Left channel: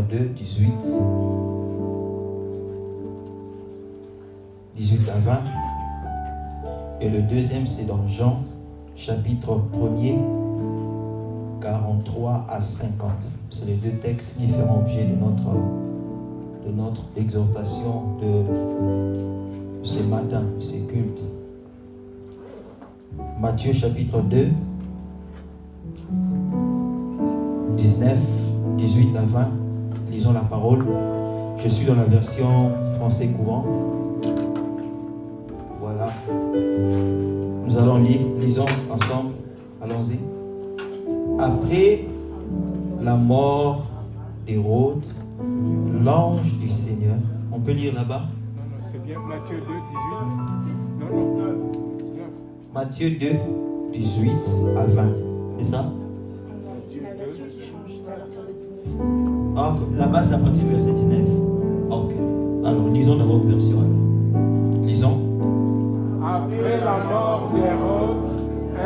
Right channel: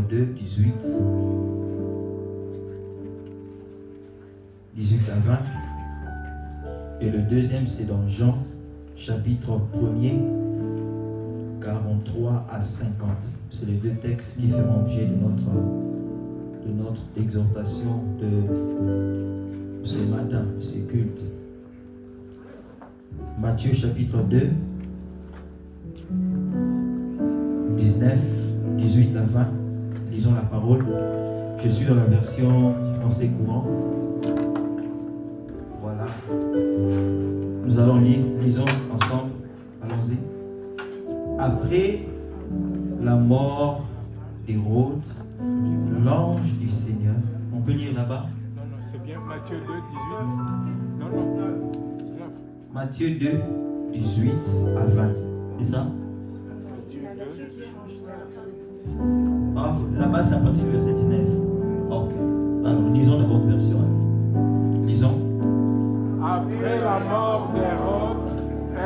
2, 18 à 20. Et le deuxième, c'est dans Jean, chapitre 1er, 43 à 50. C'est les deux textes qui feront objet de notre exhortation de ce matin, de ce culte. Matthieu chapitre 2, 19, 18 à 20. Lisons la parole. Je suis dans la version français courant. Voilà. Nous allons lire. Lisons ensemble. Allons-y. Après la mort d'Hérode, l'ange du Seigneur. On peut lire là-bas? Non, c'est bien Matthieu 2, 18. Non. Matthieu 2, 18 à 20. C'est ça? La version qui change, c'est à partir de 19. Ah, là-bas, c'est à partir du verset 19. Ok. Alors, lisons dans votre version. Lisons. Après la mort d'Hérode,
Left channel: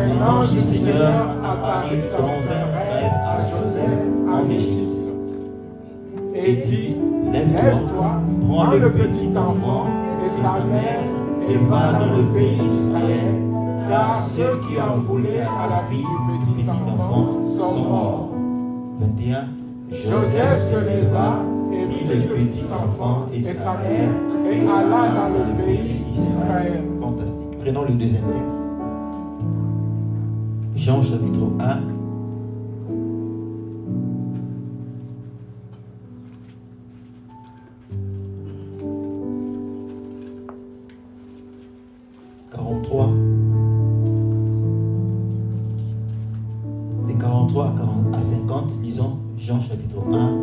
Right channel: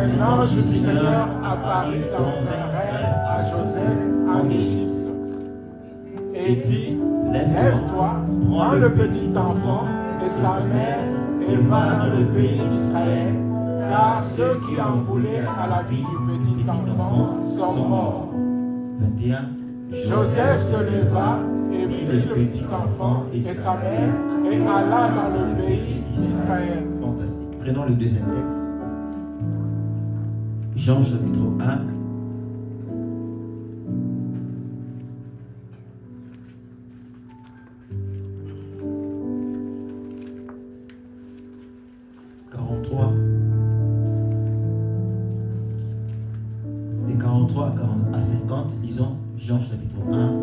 Un ange du Seigneur apparut dans un rêve à Joseph en Égypte et dit, lève-toi, prends le petit enfant et sa mère et va dans le pays d'Israël, car ceux qui en voulaient à la vie du petit enfant sont morts. 21. Joseph se leva et prit le petit enfant et sa mère et alla dans le pays d'Israël. Fantastique. Prenons le deuxième texte. Jean chapitre 1. Des 43 à 50, lisons Jean chapitre 1.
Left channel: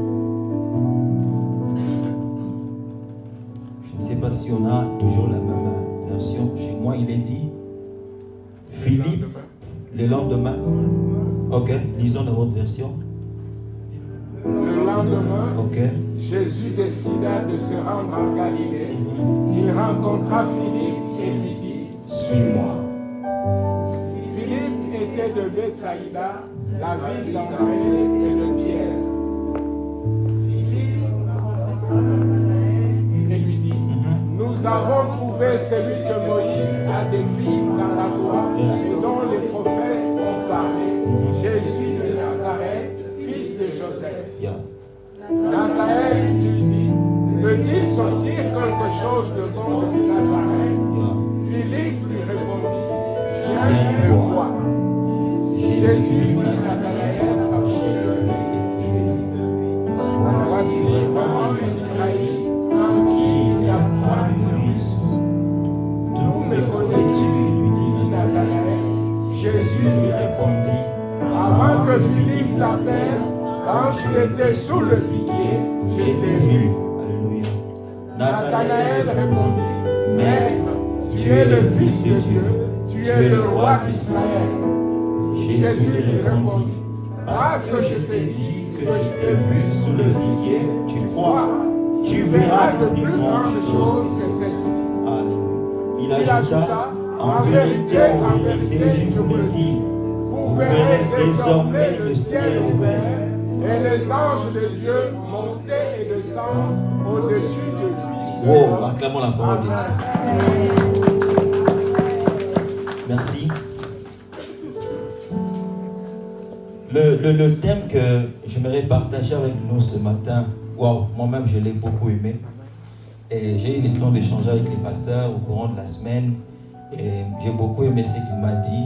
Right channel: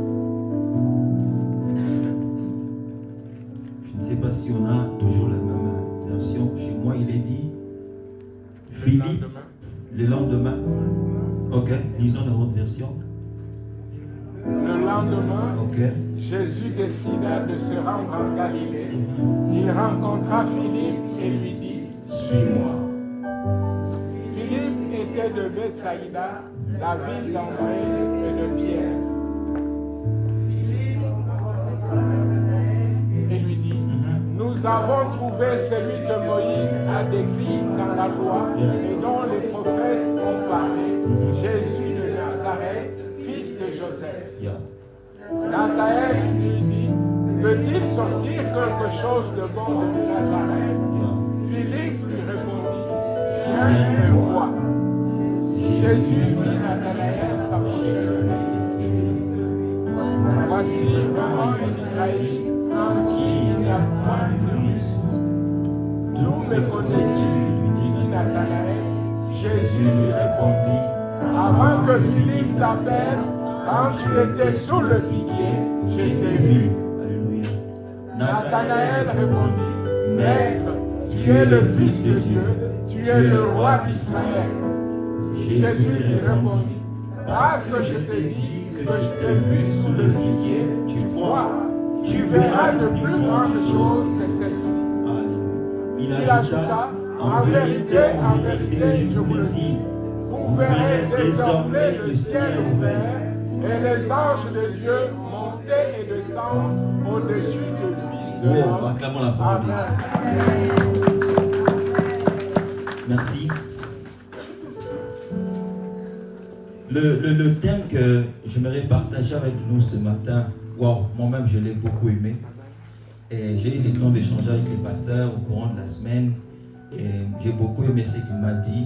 Je ne sais pas si on a toujours la même version. Chez moi, il est dit Philippe, le lendemain. Ok, lisons dans votre version. Le lendemain, Ok. Jésus décida de se rendre en Galilée. Il rencontra Philippe et lui dit, suis-moi. Philippe était de Bethsaïda, la ville d'André et de Pierre. Et lui dit, nous avons trouvé celui que Moïse a décrit dans la loi et dont les prophètes ont parlé, Jésus de Nazareth, fils de Joseph. Yeah. Nathanaël lui dit, peut-il sortir quelque chose de bon de Nazareth? Philippe lui répondit, viens et vois. Jésus dit Nathanaël, approchez-le et dit, voici vraiment un Israélite en qui il n'y a pas de risque. D'où me connais-tu? Lui dit Nathanaël. Jésus lui répondit, avant que Philippe t'appelle, quand tu étais sous le figuier, je t'ai vu. Alléluia. Nathanaël répondit, Maître, tu es le Fils de Dieu, tu es le roi d'Israël. Jésus lui répondit, parce que je t'ai dit que je t'ai vu sous le figuier, tu crois, tu verras de plus grandes choses que ceci. Alléluia. Il ajouta, en vérité, je vous le dis, vous verrez désormais le ciel ouvert et les anges de Dieu monter et descendre au-dessus du Fils de Oh, l'homme. acclamons la parole de Dieu. Merci. Le thème que j'aimerais partager avec nous ce matin, wow, moi-même je l'ai beaucoup aimé. Et j'ai eu le temps d'échanger avec les pasteurs au courant de la semaine. Et j'ai beaucoup aimé ce qu'il m'a dit.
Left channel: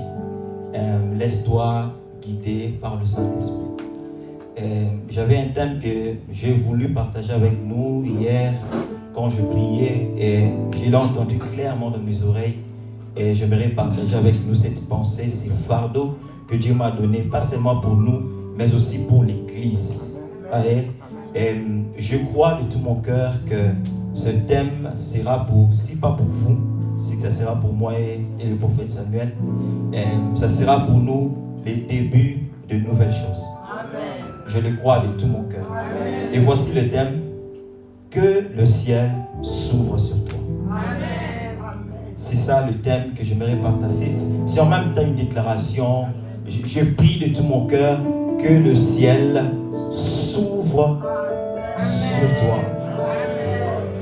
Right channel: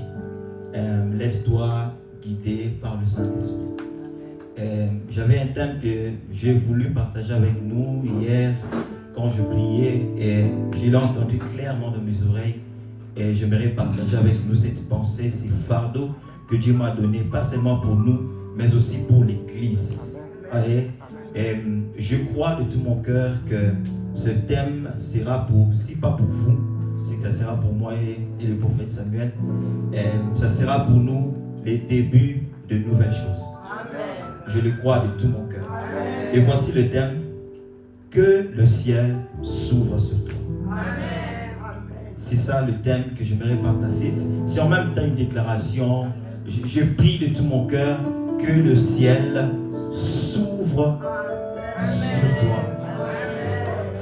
Laisse-toi guider par le Saint-Esprit. J'avais un thème que j'ai voulu partager avec nous hier quand je priais et je l'ai entendu clairement dans mes oreilles et j'aimerais partager avec nous cette pensée, ces fardeaux que Dieu m'a donné, pas seulement pour nous, mais aussi pour l'Église. Et je crois de tout mon cœur que ce thème sera pour, si pas pour vous, c'est que ça sera pour moi et le prophète Samuel, ça sera pour nous les débuts de nouvelles choses. Je le crois de tout mon cœur. Et voici le thème, que le ciel s'ouvre sur toi. C'est ça le thème que j'aimerais partager. C'est en même temps une déclaration. Je prie de tout mon cœur que le ciel s'ouvre sur toi.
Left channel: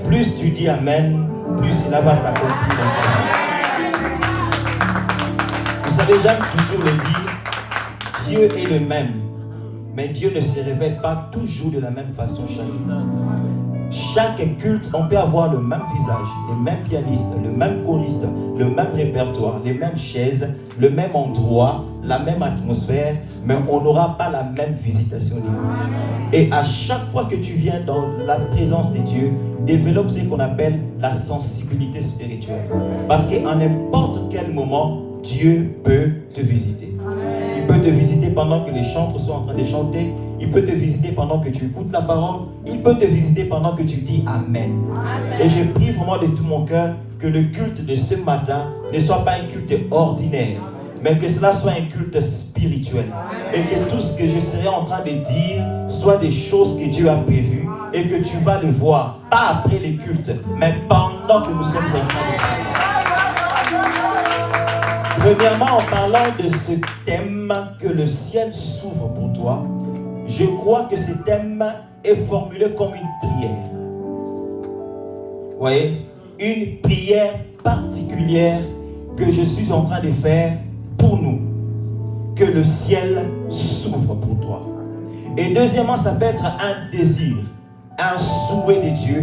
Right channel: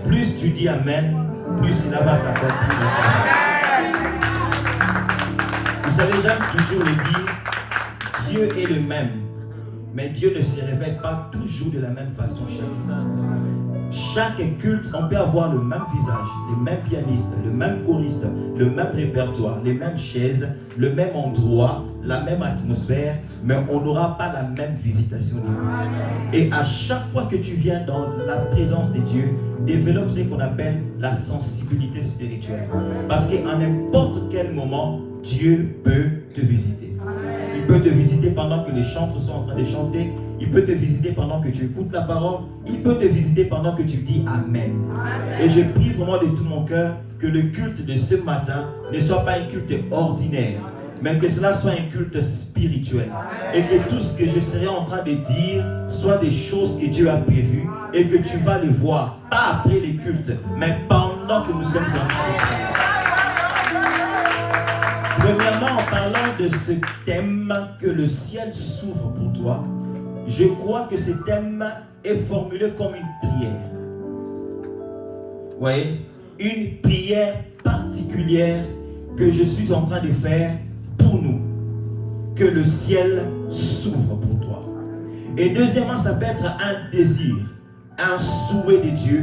Plus tu dis Amen, plus cela va s'accomplir. Vous savez, j'aime toujours le dire, Dieu est le même, mais Dieu ne se révèle pas toujours de la même façon chaque jour. Chaque culte, on peut avoir le même visage, les mêmes pianistes, le même choriste, le même répertoire, les mêmes chaises, le même endroit, la même atmosphère, mais on n'aura pas la même visitation divine. Et à chaque fois que tu viens dans la présence de Dieu, développe ce qu'on appelle la sensibilité spirituelle. Parce qu'à n'importe quel moment, Dieu peut te visiter. Il peut te visiter pendant que les chantres sont en train de chanter. Il peut te visiter pendant que tu écoutes la parole. Il peut te visiter pendant que tu dis Amen. Amen. Et je prie vraiment de tout mon cœur que le culte de ce matin ne soit pas un culte ordinaire, mais que cela soit un culte spirituel. Et que tout ce que je serai en train de dire soit des choses que Dieu a prévues et que tu vas le voir, pas après les cultes, mais pendant que nous sommes en train de dire. Premièrement, en parlant de ce thème que le ciel s'ouvre pour toi, je crois que ce thème est formulé comme une prière. Vous voyez? Une prière particulière que je suis en train de faire pour nous. Que le ciel s'ouvre pour toi. Et deuxièmement, ça peut être un désir, un souhait de Dieu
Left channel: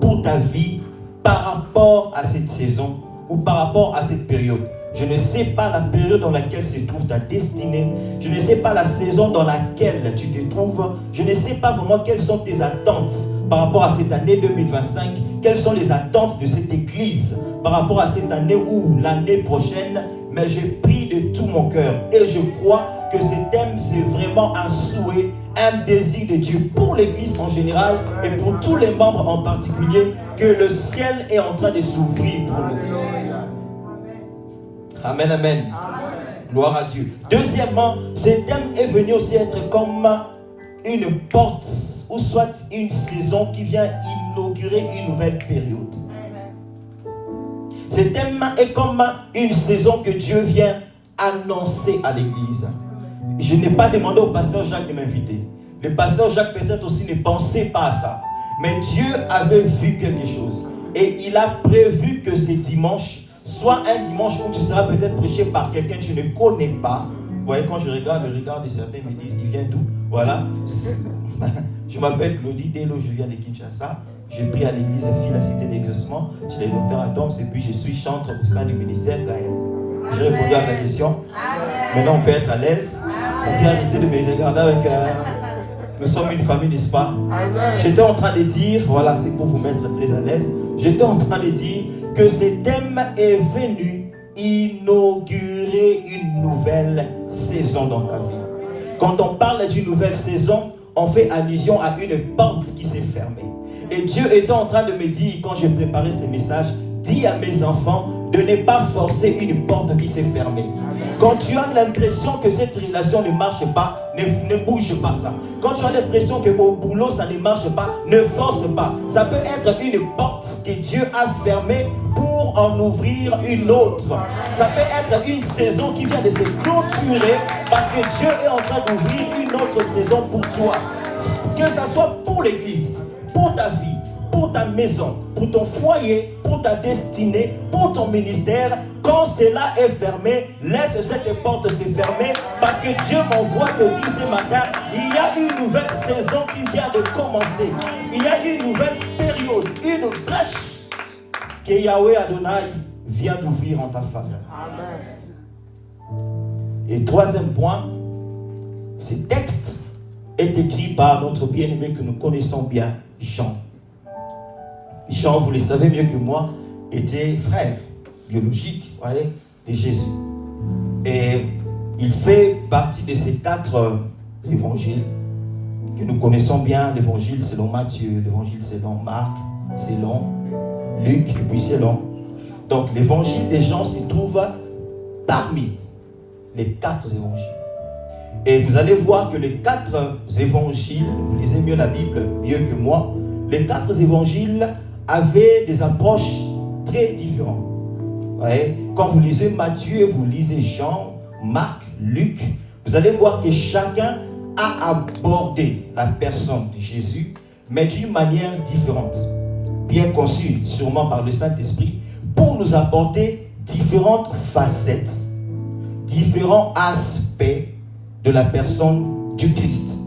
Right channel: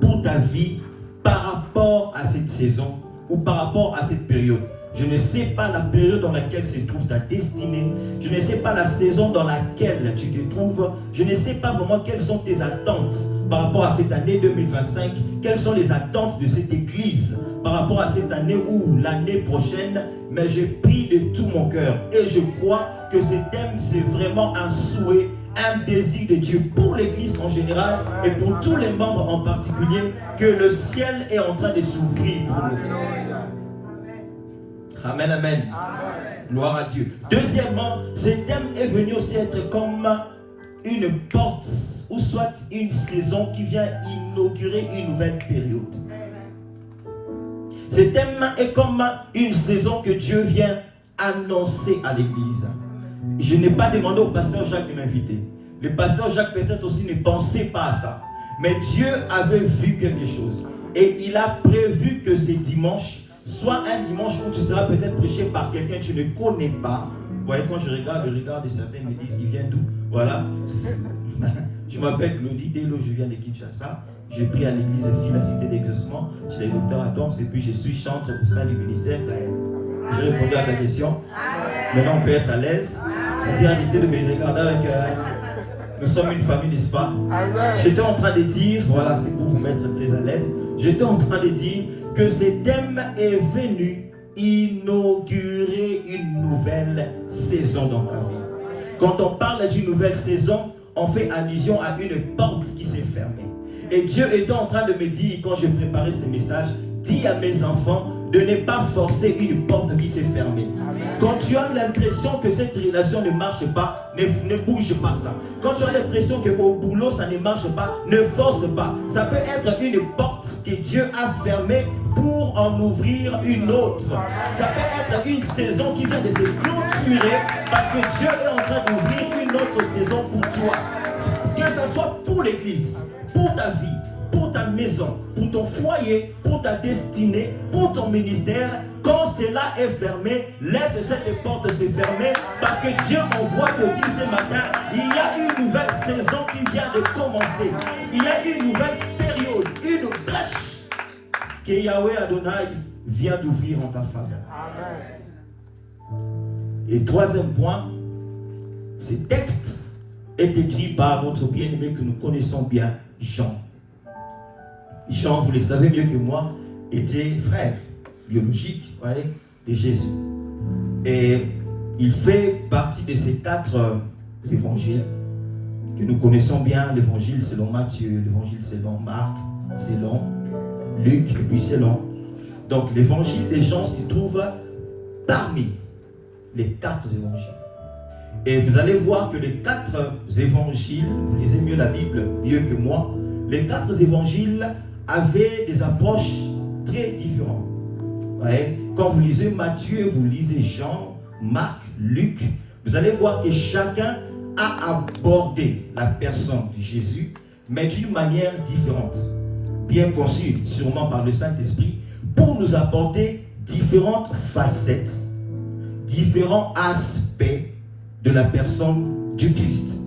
pour ta vie par rapport à cette saison ou par rapport à cette période. Je ne sais pas la période dans laquelle se trouve ta destinée. Je ne sais pas la saison dans laquelle tu te trouves. Je ne sais pas vraiment quelles sont tes attentes par rapport à cette année 2025. Quelles sont les attentes de cette église par rapport à cette année ou l'année prochaine. Mais je prie de tout mon cœur et je crois que ce thème, c'est vraiment un souhait, un désir de Dieu pour l'église en général et pour tous les membres en particulier, que le ciel est en train de s'ouvrir pour nous. Amen, amen. Gloire à Dieu. Deuxièmement, ce thème est venu aussi être comme une porte ou soit une saison qui vient inaugurer une nouvelle période. Ce thème est comme une saison que Dieu vient annoncer à l'église. Je n'ai pas demandé au pasteur Jacques de m'inviter. Le pasteur Jacques peut-être aussi ne pensait pas à ça. Mais Dieu avait vu quelque chose. Et il a prévu que ce dimanche soit un dimanche où tu seras peut-être prêché par quelqu'un que tu ne connais pas. Vous voyez, quand je regarde le regard de certains, me disent, il vient d'où? Voilà. Je m'appelle Claudie Delo, je viens de Kinshasa. Je prie à l'église Fille, la cité d'exaucement. Je suis le docteur Adams et puis je suis chantre au sein du ministère Gaël. J'ai répondu à ta question. Maintenant, on peut être à l'aise. On peut arrêter de me regarder avec... Nous sommes une famille, n'est-ce pas? J'étais en train de dire, voilà, c'est pour vous mettre très à l'aise. J'étais en train de dire que ce thème est venu inaugurer une nouvelle saison dans ta vie. Quand on parle d'une nouvelle saison, on fait allusion à une porte qui s'est fermée. Et Dieu était en train de me dire, quand je préparais ce message, dis à mes enfants de ne pas forcer une porte qui s'est fermée. Quand tu as l'impression que cette relation ne marche pas, ne bouge pas ça. Quand tu as l'impression qu'au boulot ça ne marche pas, ne force pas. Ça peut être une porte que Dieu a fermée pour en ouvrir une autre. Ça peut être une saison qui vient de se clôturer parce que Dieu est en train d'ouvrir une autre saison pour toi. Que ce soit pour l'église, pour ta vie, pour ta maison, pour ton foyer, pour ta destinée, pour ton ministère. Quand cela est fermé, laisse cette porte se fermer parce que Dieu m'envoie te dire ce matin, il y a une nouvelle saison qui vient de commencer. Il y a une nouvelle période, une brèche que Yahweh Adonai vient d'ouvrir en ta faveur. Et troisième point, ce texte est écrit par notre bien-aimé que nous connaissons bien, Jean. Jean, vous le savez mieux que moi, était frère biologique, voyez, de Jésus. Et il fait partie de ces 4 évangiles que nous connaissons bien, l'évangile selon Matthieu, l'évangile selon Marc, selon Luc, et puis selon. Donc l'évangile de Jean se trouve parmi les 4 évangiles. Et vous allez voir que les 4 évangiles, vous lisez mieux la Bible, mieux que moi, les 4 évangiles avaient des approches très différentes. Ouais. Quand vous lisez Matthieu, vous lisez Jean, Marc, Luc, vous allez voir que chacun a abordé la personne de Jésus mais d'une manière différente, bien conçue, sûrement par le Saint-Esprit, pour nous apporter différentes facettes, différents aspects de la personne du Christ.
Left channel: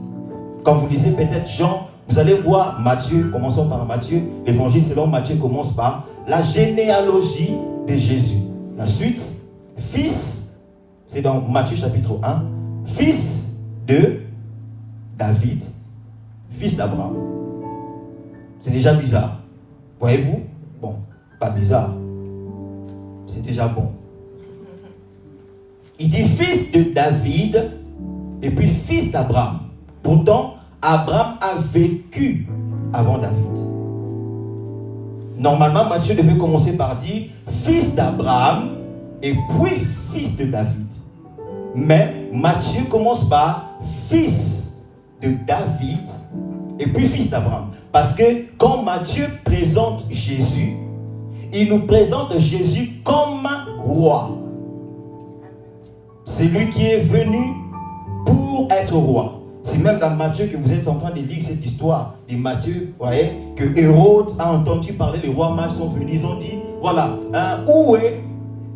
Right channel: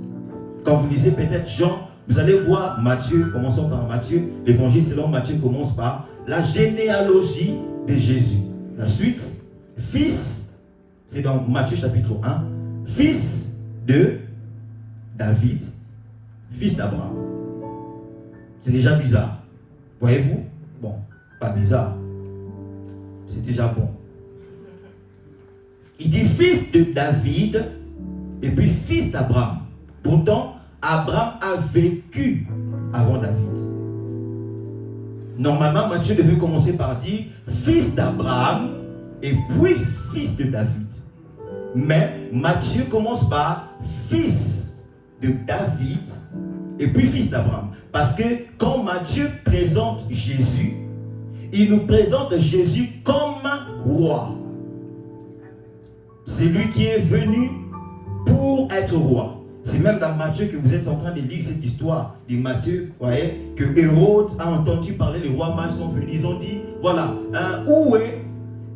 Quand vous lisez peut-être Jean, vous allez voir Matthieu, commençons par Matthieu, l'évangile selon Matthieu commence par la généalogie de Jésus. La suite, fils, c'est dans Matthieu chapitre 1, fils de David, fils d'Abraham. C'est déjà bizarre. Voyez-vous? Bon, pas bizarre. C'est déjà bon. Il dit fils de David et puis fils d'Abraham. Pourtant, Abraham a vécu avant David. Normalement, Matthieu devait commencer par dire fils d'Abraham et puis fils de David. Mais Matthieu commence par fils de David et puis fils d'Abraham. Parce que quand Matthieu présente Jésus, il nous présente Jésus comme roi. C'est lui qui est venu pour être roi. C'est même dans Matthieu que vous êtes en train de lire cette histoire de Matthieu, voyez, que Hérode a entendu parler, les rois mages sont venus, ils ont dit, voilà, où est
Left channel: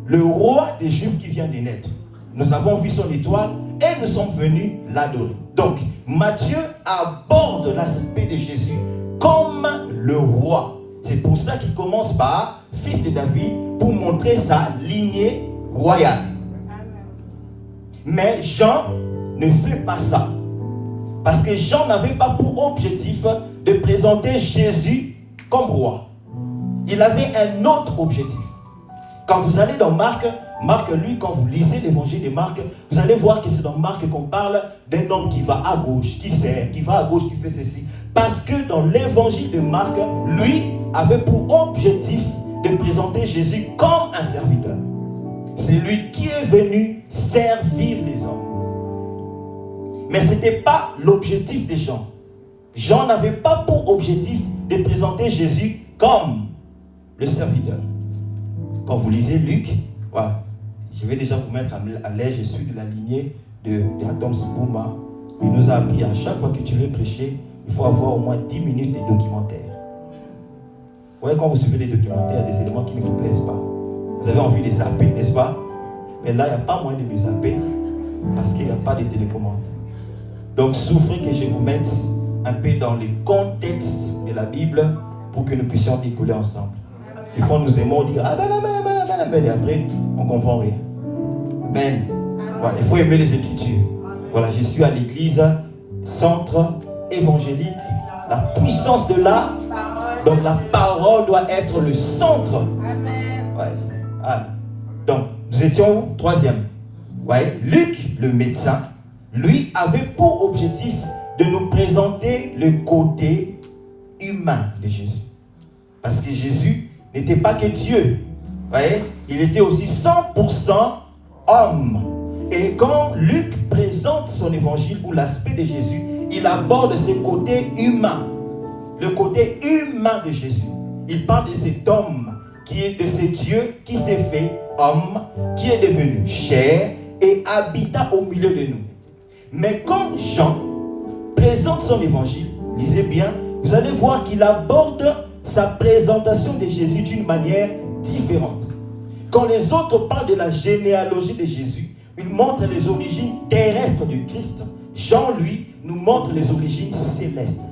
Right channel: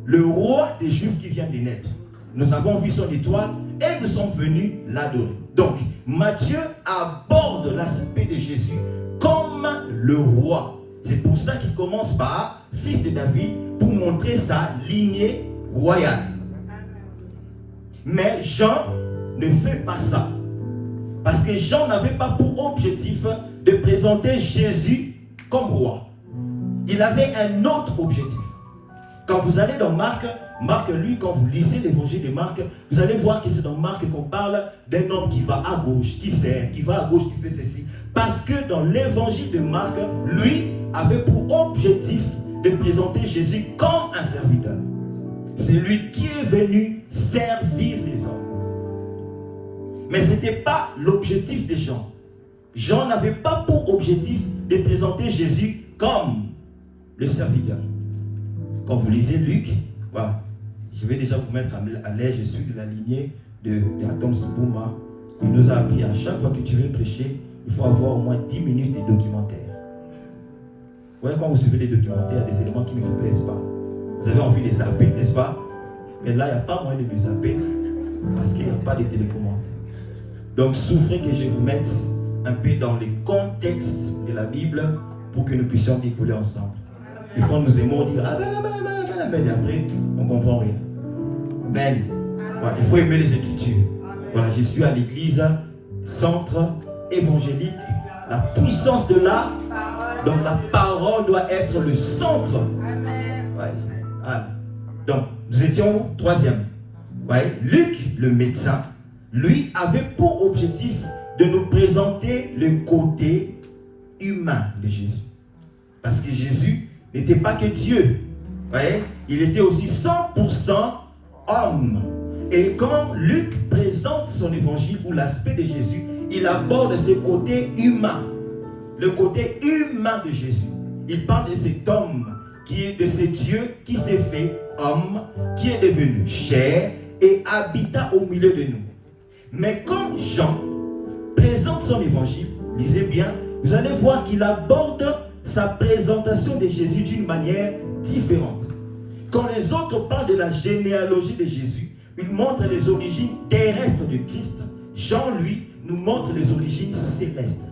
le roi des Juifs qui vient de naître? Nous avons vu son étoile et nous sommes venus l'adorer. Donc, Matthieu aborde l'aspect de Jésus comme le roi. C'est pour ça qu'il commence par fils de David pour montrer sa lignée royale. Mais Jean ne fait pas ça. Parce que Jean n'avait pas pour objectif de présenter Jésus comme roi. Il avait un autre objectif. Quand vous allez dans Marc, lui, quand vous lisez l'évangile de Marc, vous allez voir que c'est dans Marc qu'on parle d'un homme qui va à gauche, qui sert, qui va à gauche, qui fait ceci. Parce que dans l'évangile de Marc, lui avait pour objectif de présenter Jésus comme un serviteur. C'est lui qui est venu servir les hommes. Mais ce n'était pas l'objectif de Jean. Jean n'avait pas pour objectif de présenter Jésus comme le serviteur. Quand vous lisez Luc, voilà, je vais déjà vous mettre à l'aise, je suis de la lignée d'Atom Spouma. Il nous a appris à chaque fois que tu veux prêcher, il faut avoir au moins 10 minutes de documentaire. Vous voyez, quand vous suivez les documentaires, des éléments qui ne vous plaisent pas, vous avez envie de zapper, n'est-ce pas? Mais là, il n'y a pas moyen de me zapper parce qu'il n'y a pas de télécommande. Donc, souffrez que je vous mette un peu dans le contexte de la Bible pour que nous puissions découler ensemble. Des fois, nous aimons dire ah, mais après, on ne comprend rien. Amen. Voilà, il faut aimer les Écritures. Voilà, je suis à l'église, centre évangélique, la puissance de là. Donc, la parole doit être le centre. Ouais. Ah. Donc, nous étions où? Troisième. Ouais. Luc, le médecin, lui avait pour objectif de nous présenter le côté humain de Jésus. Parce que Jésus n'était pas que Dieu. Voyez? Il était aussi 100% homme. Et quand Luc présente son évangile ou l'aspect de Jésus, il aborde ce côté humain. Le côté humain de Jésus. Il parle de cet homme qui est de ce Dieu qui s'est fait homme, qui est devenu chair et habita au milieu de nous. Mais quand Jean présente son évangile, lisez bien, vous allez voir qu'il aborde sa présentation de Jésus d'une manière différente. Quand les autres parlent de la généalogie de Jésus, ils montrent les origines terrestres du Christ. Jean, lui, nous montre les origines célestes.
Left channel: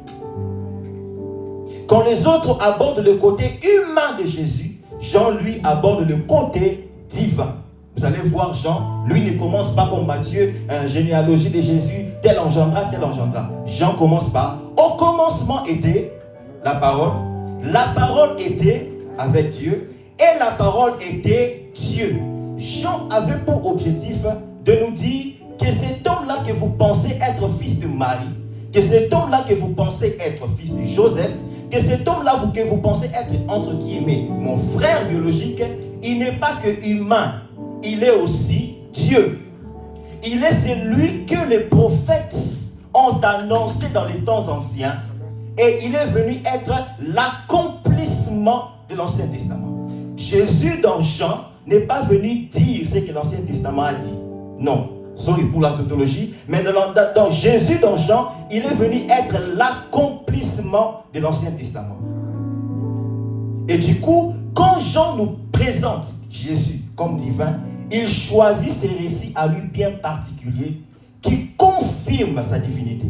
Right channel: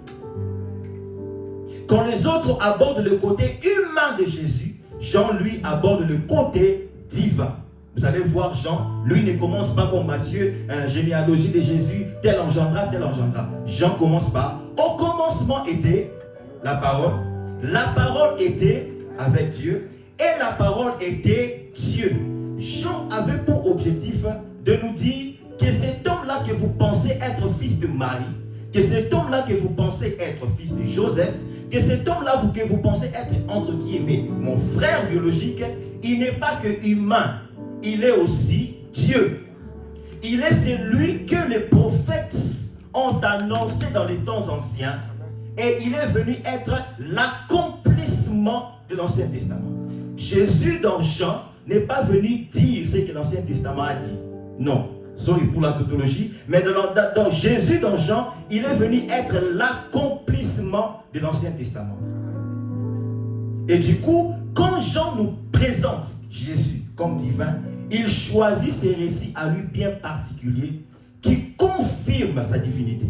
Quand les autres abordent le côté humain de Jésus, Jean, lui, aborde le côté divin. Vous allez voir, Jean, lui ne commence pas comme Matthieu, une généalogie de Jésus, tel engendra, tel engendra. Jean commence par, au commencement était la parole était avec Dieu, et la parole était Dieu. Jean avait pour objectif de nous dire que cet homme-là que vous pensez être fils de Marie, que cet homme-là que vous pensez être fils de Joseph, que cet homme-là que vous pensez être, entre guillemets, mon frère biologique, il n'est pas que humain, il est aussi Dieu. Il est celui que les prophètes ont annoncé dans les temps anciens, et il est venu être l'accomplissement de l'Ancien Testament. Jésus dans Jean n'est pas venu dire ce que l'Ancien Testament a dit. Non, sorry pour la tautologie, mais dans Jésus dans Jean, il est venu être l'accomplissement commencement de l'Ancien Testament. Et du coup, quand Jean nous présente Jésus comme divin, il choisit ces récits à lui bien particuliers qui confirment sa divinité.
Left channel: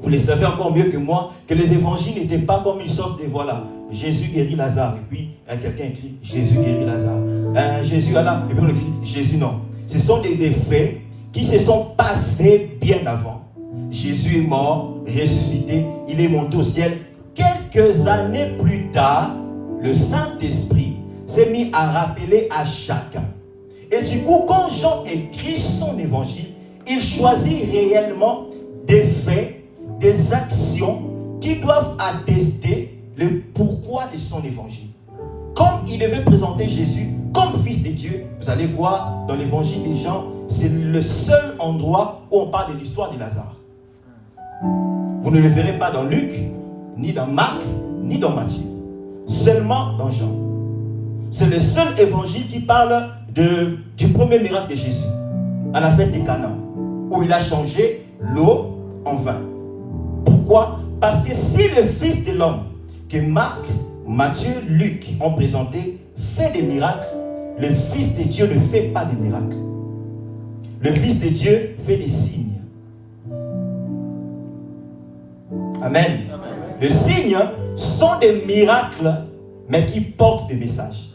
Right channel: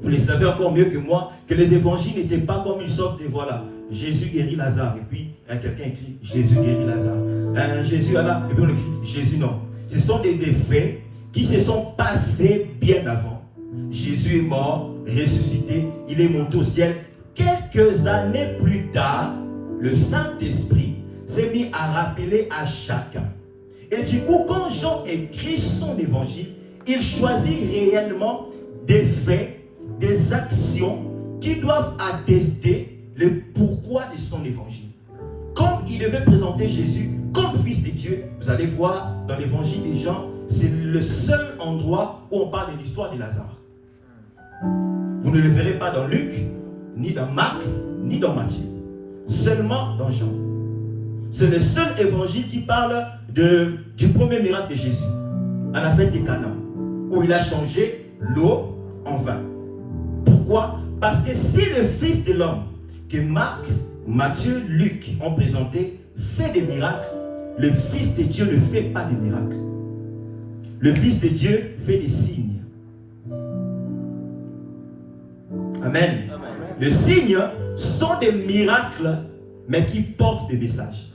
Vous le savez encore mieux que moi que les évangiles n'étaient pas comme une sorte de voilà, Jésus guérit Lazare, et puis quelqu'un écrit Jésus guérit Lazare. Jésus Allah, et puis on écrit Jésus non. Ce sont des faits qui se sont passés bien avant. Jésus est mort, ressuscité, il est monté au ciel. Quelques années plus tard, le Saint-Esprit s'est mis à rappeler à chacun. Et du coup, quand Jean écrit son évangile, il choisit réellement des faits, des actions qui doivent attester le pourquoi de son évangile. Comme il devait présenter Jésus comme fils de Dieu, vous allez voir dans l'évangile de Jean, c'est le seul endroit où on parle de l'histoire de Lazare. Vous ne le verrez pas dans Luc, ni dans Marc, ni dans Matthieu. Seulement dans Jean. C'est le seul évangile qui parle du premier miracle de Jésus, à la fête des Cana, où il a changé l'eau en vin. Pourquoi? Parce que si le Fils de l'homme, que Marc, Matthieu, Luc ont présenté, fait des miracles, le Fils de Dieu ne fait pas des miracles. Le Fils de Dieu fait des signes. Amen. Les signes sont des miracles, mais qui portent des messages.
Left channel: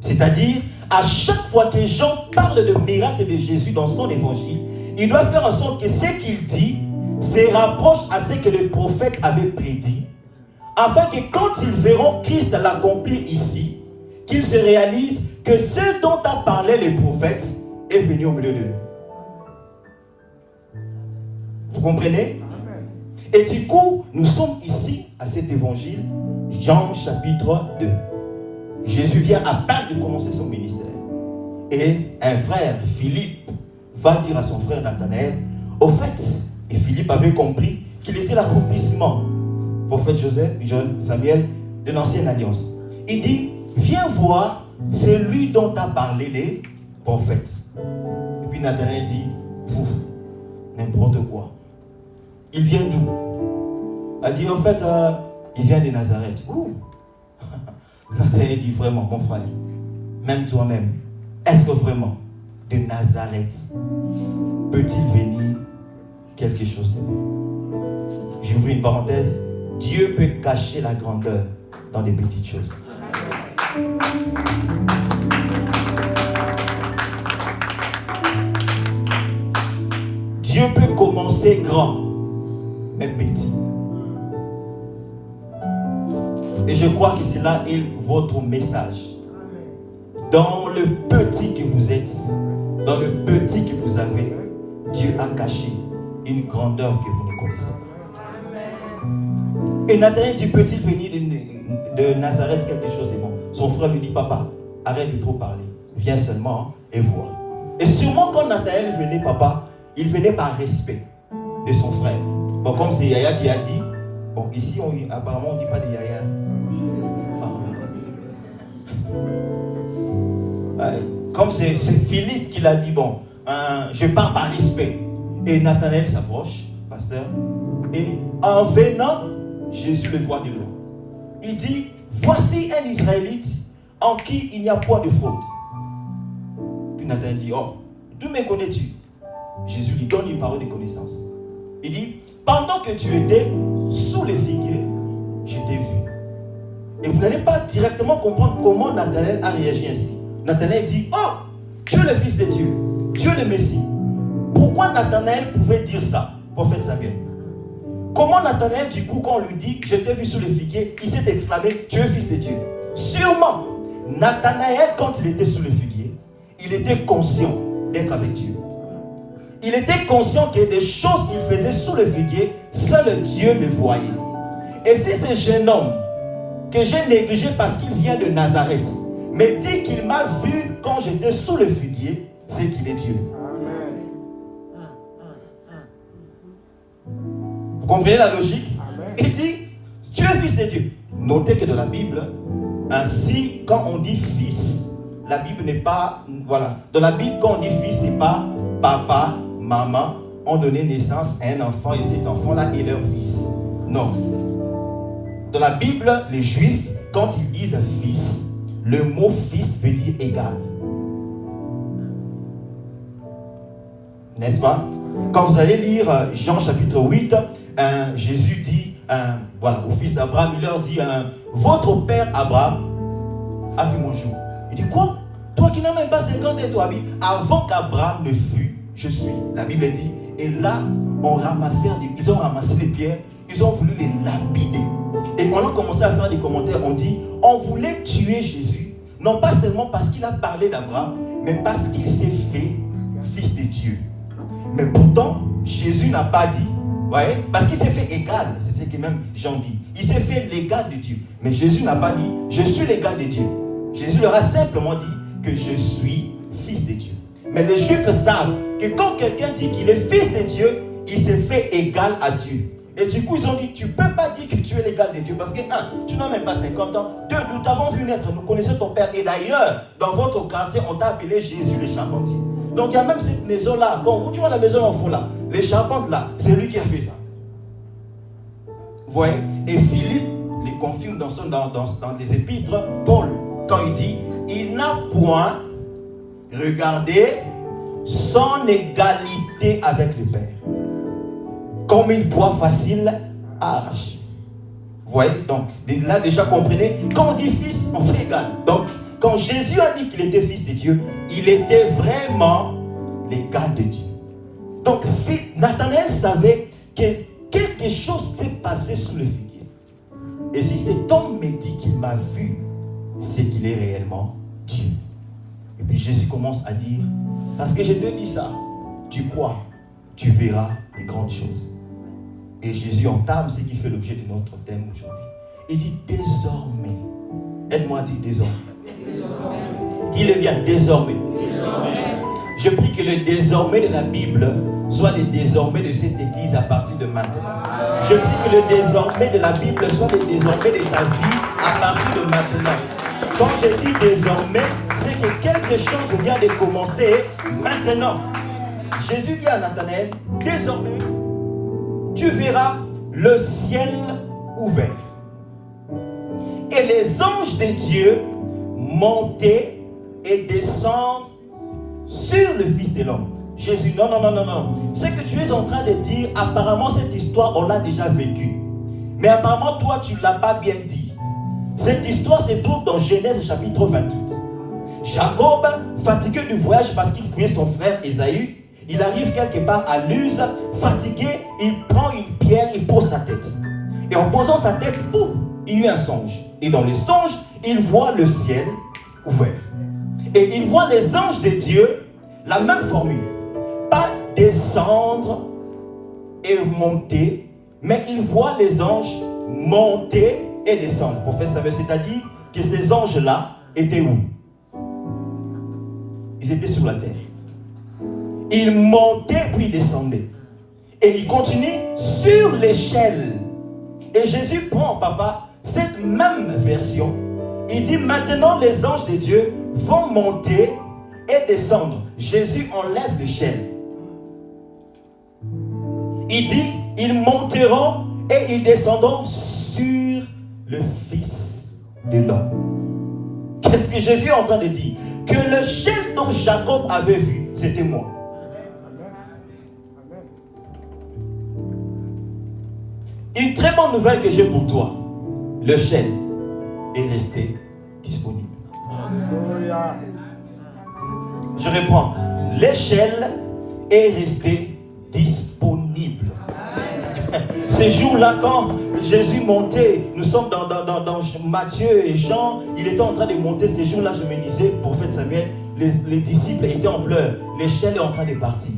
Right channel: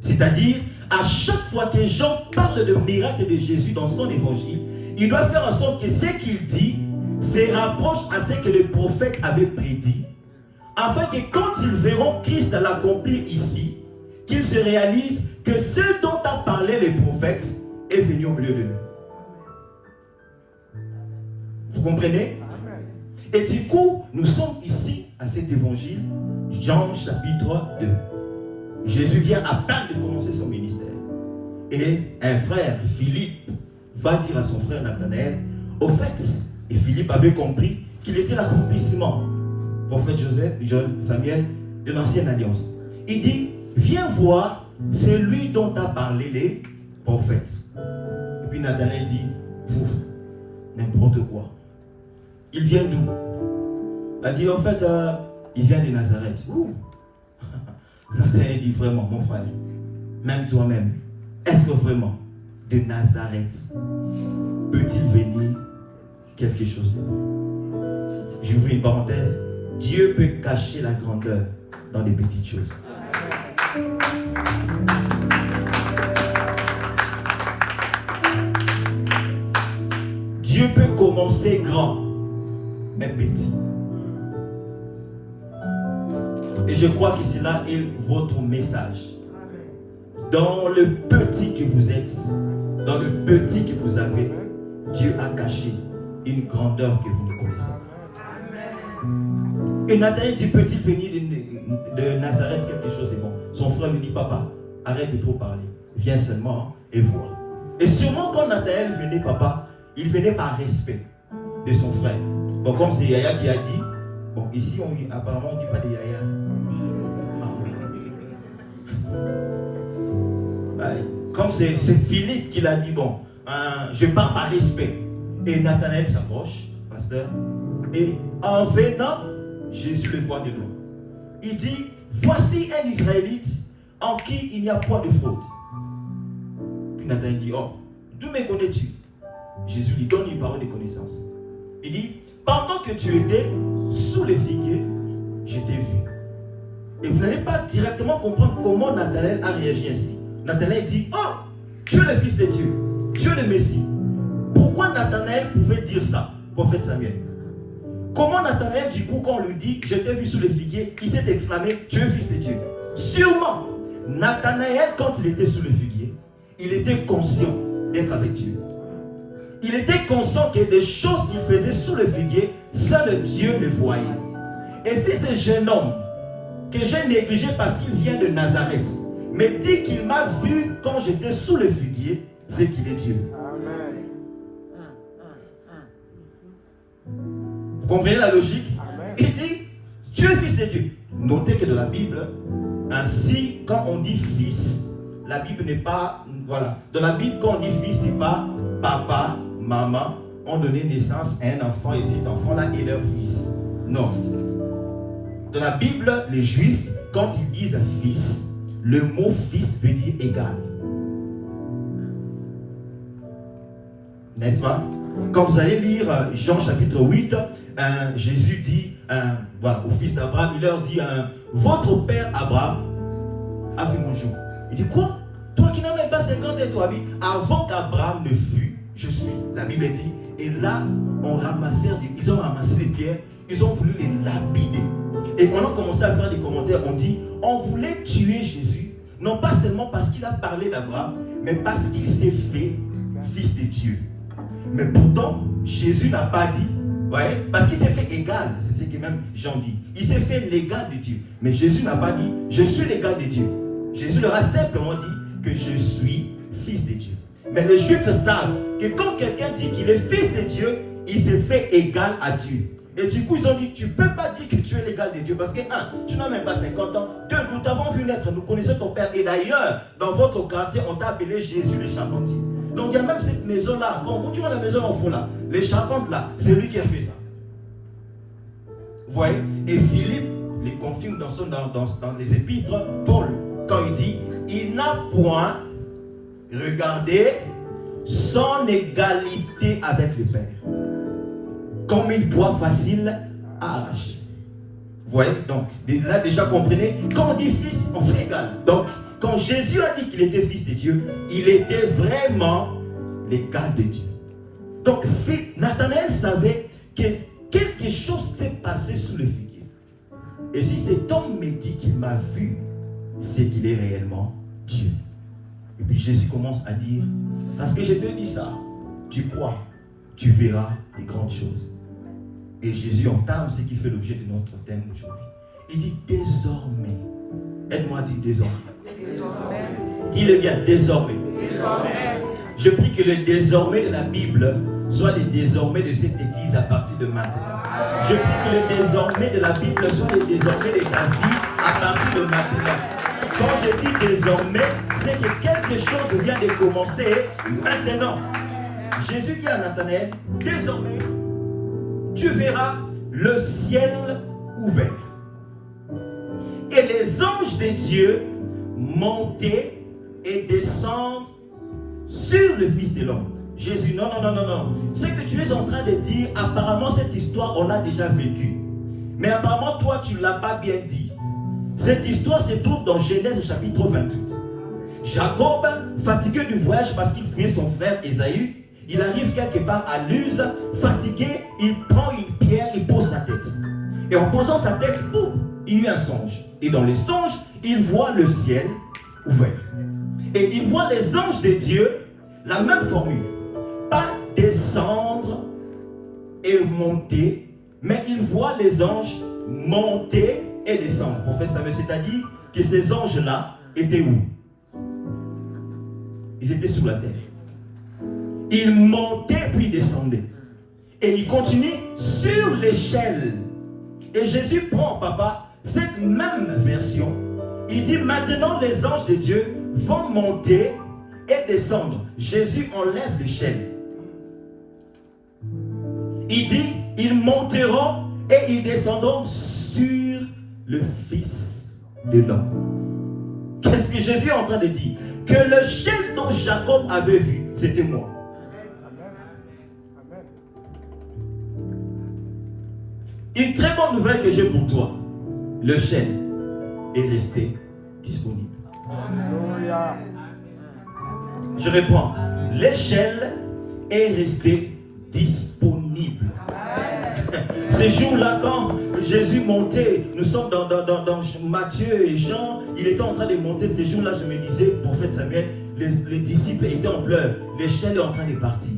C'est-à-dire, à chaque fois que Jean parle de miracle de Jésus dans son évangile, il doit faire en sorte que ce qu'il dit se rapproche à ce que les prophètes avaient prédit, afin que quand ils verront Christ l'accomplir ici, qu'ils se réalisent que ce dont a parlé les prophètes est venu au milieu de nous. Vous comprenez? Et du coup, nous sommes ici à cet évangile, Jean chapitre 2. Jésus vient à peine de commencer son ministère. Et un frère, Philippe, va dire à son frère Nathanaël, au fait, et Philippe avait compris qu'il était l'accomplissement, prophète Samuel, de l'ancienne alliance. Il dit, viens voir celui dont a parlé les prophètes. Et puis Nathanaël dit, n'importe quoi. Il vient d'où? Elle dit, en fait, il vient de Nazareth. Nathanaël dit, vraiment, mon frère, même toi-même, est-ce que vraiment, de Nazareth, peut-il venir quelque chose de bon? J'ouvre une parenthèse. Dieu peut cacher la grandeur dans les petites choses. Dieu peut commencer grand, mais petit. Et je crois que cela est votre message. Dans le petit que vous êtes, dans le petit que vous avez, Dieu a caché une grandeur que vous ne connaissez pas. Et Nathanaël dit, peut-il venir de Nazareth quelque chose de bon? Son frère lui dit, papa, arrête de trop parler. Viens seulement et vois. Et sûrement quand Nathanaël venait, papa, il venait par respect de son frère. Bon, comme c'est Yaya qui a dit, bon, ici, apparemment, on ne dit pas de Yaya. Comme c'est Philippe qui l'a dit, bon, je pars par respect. Et Nathanaël s'approche, pasteur, et en venant, Jésus le voit de loin. Il dit, voici un Israélite en qui il n'y a point de fraude. Puis Nathanaël dit, oh, d'où me connais-tu? Jésus lui donne une parole de connaissance. Il dit, pendant que tu étais sous les figuiers, je t'ai vu. Et vous n'allez pas directement comprendre comment Nathanaël a réagi ainsi. Nathanaël dit, oh, tu es le fils de Dieu, tu es le Messie. Pourquoi Nathanaël pouvait dire ça, prophète Samuel? Comment Nathanaël, du coup, quand on lui dit, je t'ai vu sous les figuiers, il s'est exclamé, tu es fils de Dieu? Sûrement, Nathanaël, quand il était sous les figuiers, il était conscient d'être avec Dieu. Il était conscient que des choses qu'il faisait sous le figuier, seul Dieu le voyait. Et si ce jeune homme, que j'ai négligé parce qu'il vient de Nazareth, me dit qu'il m'a vu quand j'étais sous le figuier, c'est qu'il est Dieu. Vous comprenez la logique? Il dit, tu es fils de Dieu. Notez que dans la Bible, ainsi quand on dit fils, la Bible n'est pas, voilà. Dans la Bible, quand on dit fils, c'est pas papa, maman. ont donné naissance à un enfant et cet enfant-là est leur fils. Non. Dans la Bible, les Juifs, quand ils disent fils, le mot fils veut dire égal. N'est-ce pas? Quand vous allez lire Jean chapitre 8, Jésus dit voilà, au fils d'Abraham, il leur dit votre père Abraham a vu mon jour. Il dit quoi? Toi qui n'as même pas 50 ans, toi, avant qu'Abraham ne fût, je suis. La Bible dit, et là, ils ont ramassé des pierres, ils ont voulu les lapider. Et on a commencé à faire des commentaires, on dit, on voulait tuer Jésus, non pas seulement parce qu'il a parlé d'Abraham, mais parce qu'il s'est fait fils de Dieu. Mais pourtant, Jésus n'a pas dit, voyez, parce qu'il s'est fait égal, c'est ce que même Jean dit. Il s'est fait l'égal de Dieu. Mais Jésus n'a pas dit, je suis l'égal de Dieu. Jésus leur a simplement dit que je suis fils de Dieu. Mais les Juifs savent que quand quelqu'un dit qu'il est fils de Dieu, il s'est fait égal à Dieu. Et du coup, ils ont dit, tu ne peux pas dire que tu es l'égal de Dieu. Parce que, tu n'as même pas 50 ans. 2, nous t'avons vu naître, nous connaissons ton père. Et d'ailleurs, dans votre quartier, on t'a appelé Jésus le charpentier. Donc, il y a même cette maison-là. Quand vous vois la maison en fond là, les charpentes là, c'est lui qui a fait ça. Vous voyez? Et Philippe les confirme dans les épîtres, Paul, quand il dit, il n'a point regardé son égalité avec le Père comme une proie facile à arracher. Vous voyez? Donc, là déjà comprenez, quand on dit fils, on fait égal. Donc, quand Jésus a dit qu'il était fils de Dieu, il était vraiment l'égal de Dieu. Donc, Nathanaël savait que quelque chose s'est passé sous le figuier. Et si cet homme me dit qu'il m'a vu, c'est qu'il est réellement Dieu. Et puis Jésus commence à dire, parce que je te dis ça, tu crois, tu verras des grandes choses. Et Jésus entame ce qui fait l'objet de notre thème aujourd'hui. Il dit désormais. Aide-moi à dire désormais. Dis-le bien, désormais. Je prie que le désormais de la Bible soit le désormais de cette église à partir de maintenant. Je prie que le désormais de la Bible soit le désormais de ta vie à partir de maintenant. Quand je dis désormais, c'est que quelque chose vient de commencer maintenant. Jésus dit à Nathanaël, désormais, tu verras le ciel ouvert et les anges de Dieu monter et descendre sur le Fils de l'homme. Jésus, non. Ce que tu es en train de dire, apparemment cette histoire, on l'a déjà vécue. Mais apparemment, toi, tu ne l'as pas bien dit. Cette histoire se trouve dans Genèse chapitre 28. Jacob, fatigué du voyage parce qu'il fouillait son frère Ésaü, il arrive quelque part à Luz, fatigué, il prend une pierre, il pose sa tête. Et en posant sa tête, il y a eu un songe. Et dans le songe, il voit le ciel ouvert. Et il voit les anges de Dieu, la même formule. Pas descendre et monter, mais il voit les anges monter et descendre. Prophète Samuel, c'est-à-dire que ces anges-là étaient où? Ils étaient sur la terre. Ils montaient puis descendaient. Et ils continuent sur l'échelle. Et Jésus prend, papa, cette même version. Il dit maintenant les anges de Dieu vont monter et descendre. Jésus enlève l'échelle. Il dit ils monteront et ils descendront sur le Fils de l'homme. Qu'est-ce que Jésus est en train de dire? Que le ciel dont Jacob avait vu, c'était moi. Une très bonne nouvelle que j'ai pour toi. Le ciel est resté disponible. Je réponds. L'échelle est restée disponible. Ce jour-là, quand Jésus montait, nous sommes dans Matthieu et Jean, il était en train de monter. Ce jour-là, je me disais, prophète Samuel, les disciples étaient en pleurs. L'échelle est en train de partir.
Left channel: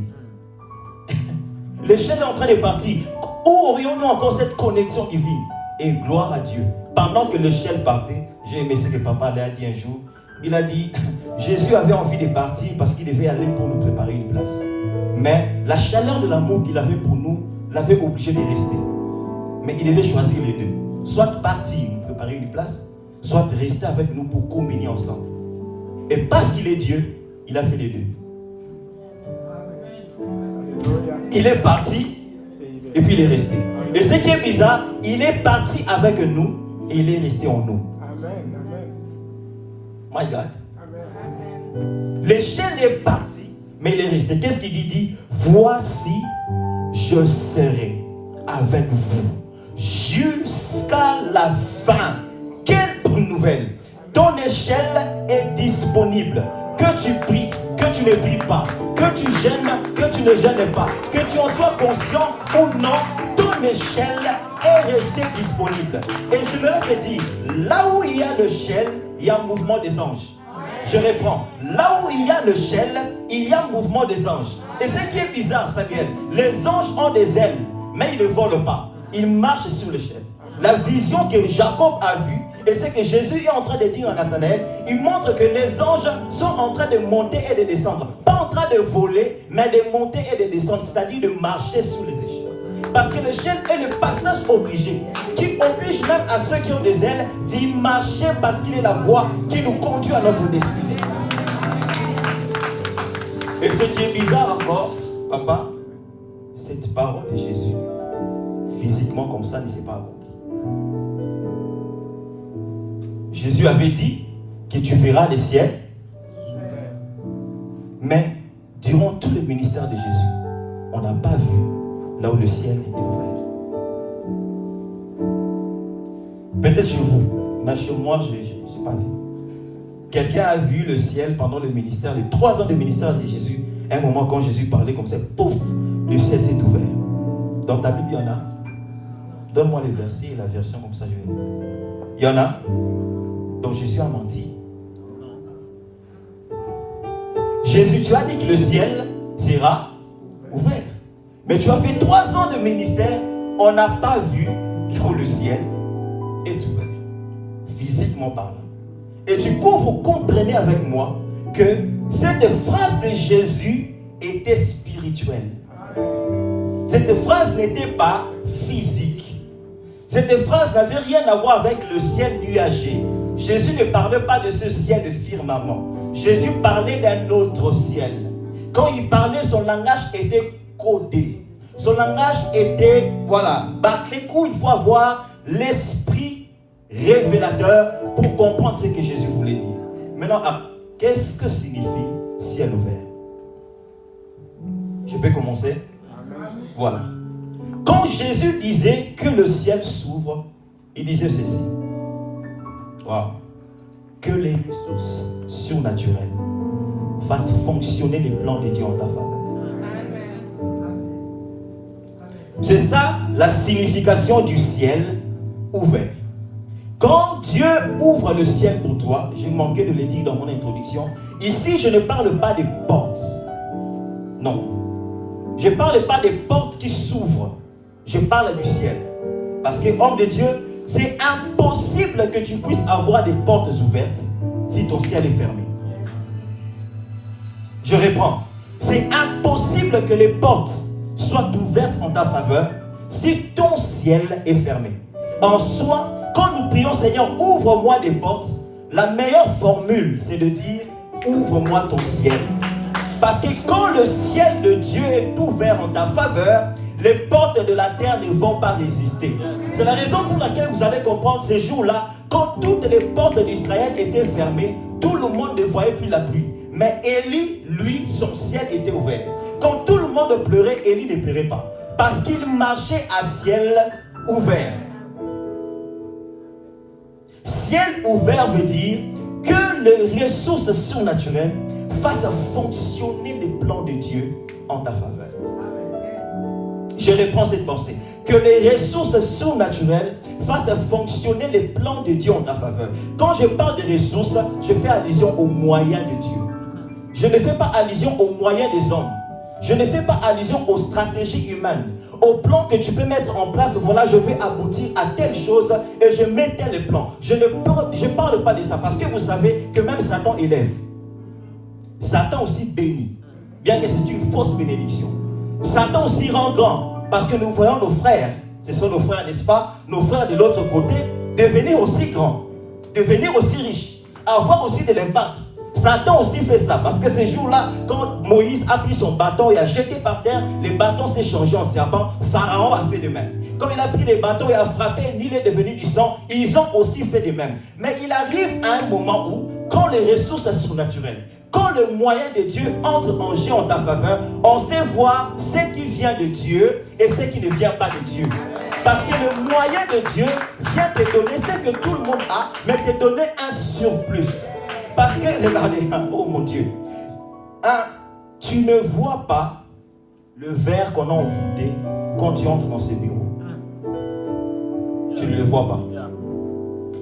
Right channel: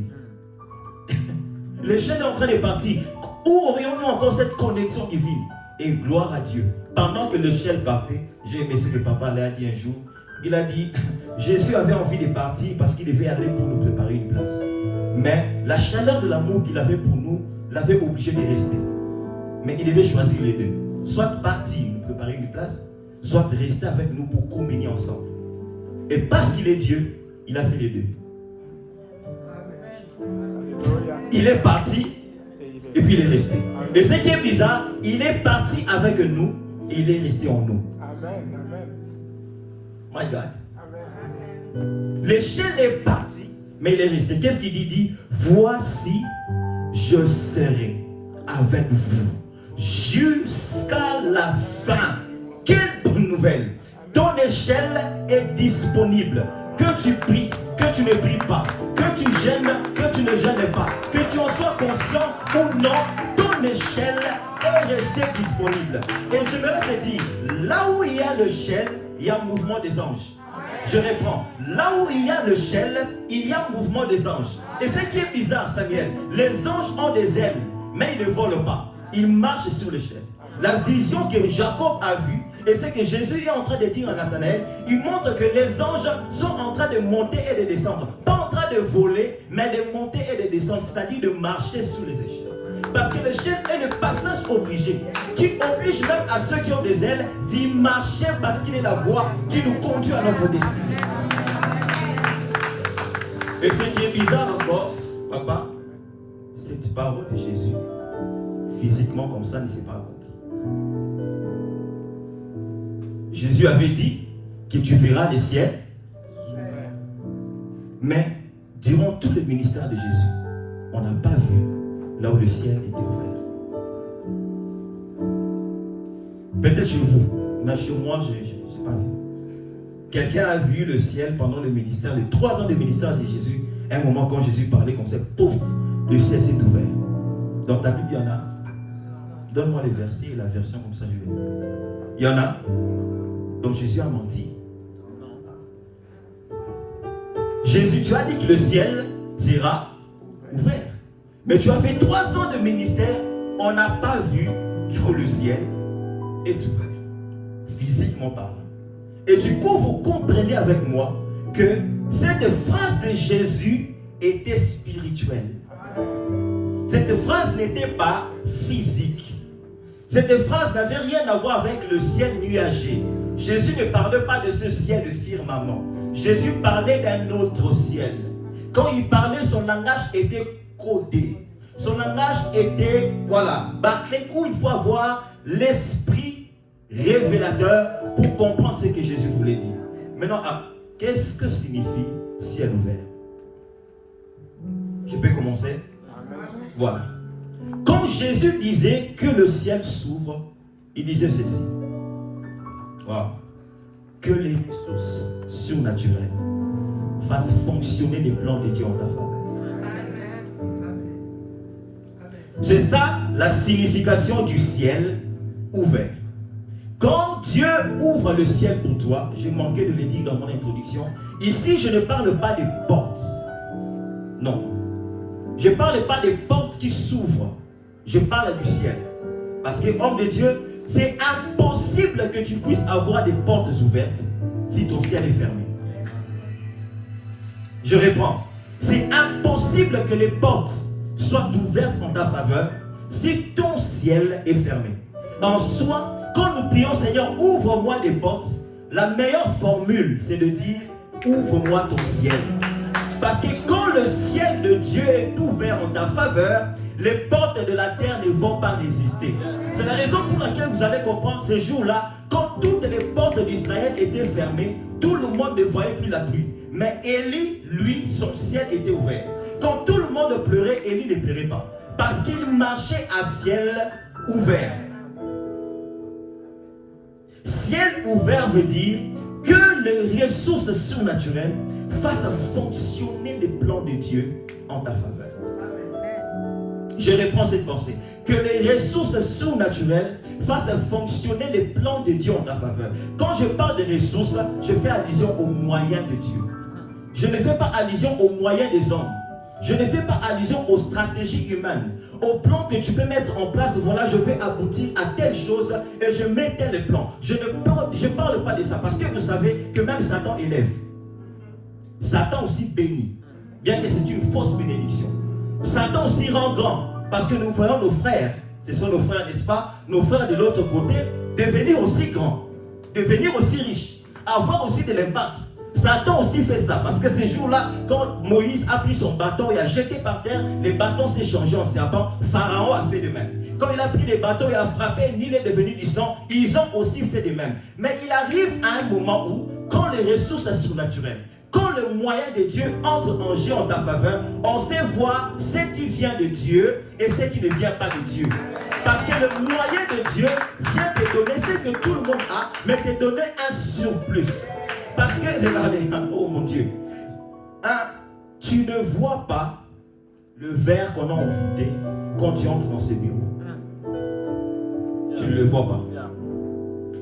L'échelle est en train de partir. Où aurions-nous encore cette connexion divine? Et gloire à Dieu. Pendant que l'échelle partait, j'ai aimé ce que papa l'a dit un jour. Il a dit, Jésus avait envie de partir parce qu'il devait aller pour nous préparer une place. Mais la chaleur de l'amour qu'il avait pour nous l'avait obligé de rester. Mais il devait choisir les deux. Soit partir, nous préparer une place, soit rester avec nous pour communier ensemble. Et parce qu'il est Dieu, il a fait les deux. il est parti et puis il est resté. Et ce qui est bizarre, il est parti avec nous et il est resté en nous. My God. L'échelle est partie, mais il est resté. Qu'est-ce qu'il dit? Il dit, voici, je serai avec vous jusqu'à la fin. Quelle bonne nouvelle! Ton échelle est disponible. Que tu pries, que tu ne pries pas, que tu gênes, que tu ne gênes pas, que tu en sois conscient ou non, ton échelle est restée disponible. Et je voudrais te dire, là où il y a l'échelle, il y a un mouvement des anges. Je reprends. Là où il y a l'échelle, il y a un mouvement des anges. Et ce qui est bizarre, Samuel, les anges ont des ailes, mais ils ne volent pas. Ils marchent sur l'échelle. La vision que Jacob a vue, et c'est que Jésus est en train de dire à Nathanaël, il montre que les anges sont en train de monter et de descendre. Pas en train de voler, mais de monter et de descendre, c'est-à-dire de marcher sur les échelles. Parce que l'échelle est le passage obligé, qui oblige même à ceux qui ont des ailes d'y marcher parce qu'il est la voie qui nous conduit à notre destinée. Et ce qui est bizarre encore, papa, cette parole de Jésus, physiquement comme ça, ne s'est pas accomplie. Jésus avait dit que tu verras les ciels, mais durant tout le ministère de Jésus, on n'a pas vu là où le ciel était ouvert. Peut-être chez vous, mais chez moi, je n'ai pas vu. Quelqu'un a vu le ciel pendant le ministère, les 3 ans de ministère de Jésus. Un moment, quand Jésus parlait comme ça, pouf, le ciel s'est ouvert. Dans ta Bible, il y en a. Donne-moi les versets et la version comme ça, je vais. Il y en a. Donc Jésus a menti. Jésus, tu as dit que le ciel sera ouvert. Mais tu as fait 3 ans de ministère, on n'a pas vu que le ciel est ouvert, physiquement parlant. Et du coup, vous comprenez avec moi que cette phrase de Jésus était spirituelle. Cette phrase n'était pas physique. Cette phrase n'avait rien à voir avec le ciel nuagé. Jésus ne parlait pas de ce ciel de firmament. Jésus parlait d'un autre ciel. Quand il parlait, son langage était codé. Son langage était, bâclé. Il faut avoir l'esprit révélateur pour comprendre ce que Jésus voulait dire. Maintenant, qu'est-ce que signifie ciel ouvert? Je peux commencer? Voilà. Quand Jésus disait que le ciel s'ouvre, il disait ceci. Wow. Que les ressources surnaturelles fassent fonctionner les plans de Dieu en ta faveur. C'est ça la signification du ciel ouvert. Quand Dieu ouvre le ciel pour toi, j'ai manqué de le dire dans mon introduction, ici je ne parle pas des portes. Non. Je ne parle pas des portes qui s'ouvrent. Je parle du ciel. Parce que, homme de Dieu, c'est impossible que tu puisses avoir des portes ouvertes si ton ciel est fermé. Je reprends. C'est impossible que les portes soient ouvertes en ta faveur si ton ciel est fermé. En soi, quand nous prions, Seigneur, ouvre-moi les portes, la meilleure formule, c'est de dire, ouvre-moi ton ciel. Parce que quand le ciel de Dieu est ouvert en ta faveur, les portes de la terre ne vont pas résister. C'est la raison pour laquelle vous allez comprendre ces jours-là, quand toutes les portes d'Israël étaient fermées, tout le monde ne voyait plus la pluie. Mais Élie, lui, son ciel était ouvert. Quand tout le monde pleurait, Élie ne pleurait pas. Parce qu'il marchait à ciel ouvert. Ciel ouvert veut dire que les ressources surnaturelles fassent fonctionner les plans de Dieu en ta faveur. Je reprends cette pensée. Que les ressources surnaturelles fassent fonctionner les plans de Dieu en ta faveur. Quand je parle de ressources, je fais allusion aux moyens de Dieu. Je ne fais pas allusion aux moyens des hommes. Je ne fais pas allusion aux stratégies humaines, aux plans que tu peux mettre en place. Voilà, je vais aboutir à telle chose et je mets tel plan. Je ne parle pas de ça parce que vous savez que même Satan élève. Satan aussi bénit, bien que c'est une fausse bénédiction. Satan aussi rend grand parce que nous voyons nos frères, ce sont nos frères, n'est-ce pas? Nos frères de l'autre côté, devenir aussi grands, devenir aussi riches, avoir aussi de l'impact. Satan aussi fait ça. Parce que ces jours-là, quand Moïse a pris son bâton et a jeté par terre, les bâtons s'est changé en serpent. Pharaon a fait de même. Quand il a pris les bâtons et a frappé, Nil est devenu du sang. Ils ont aussi fait de même. Mais il arrive à un moment où, quand les ressources sont surnaturelles, quand le moyen de Dieu entre en jeu en ta faveur, on sait voir ce qui vient de Dieu et ce qui ne vient pas de Dieu. Parce que le moyen de Dieu vient te donner ce que tout le monde a, mais te donner un surplus. Parce que, regardez, oh mon Dieu, tu ne vois pas le verre qu'on a envoûté quand tu entres dans ce bureau. Tu ne le vois pas.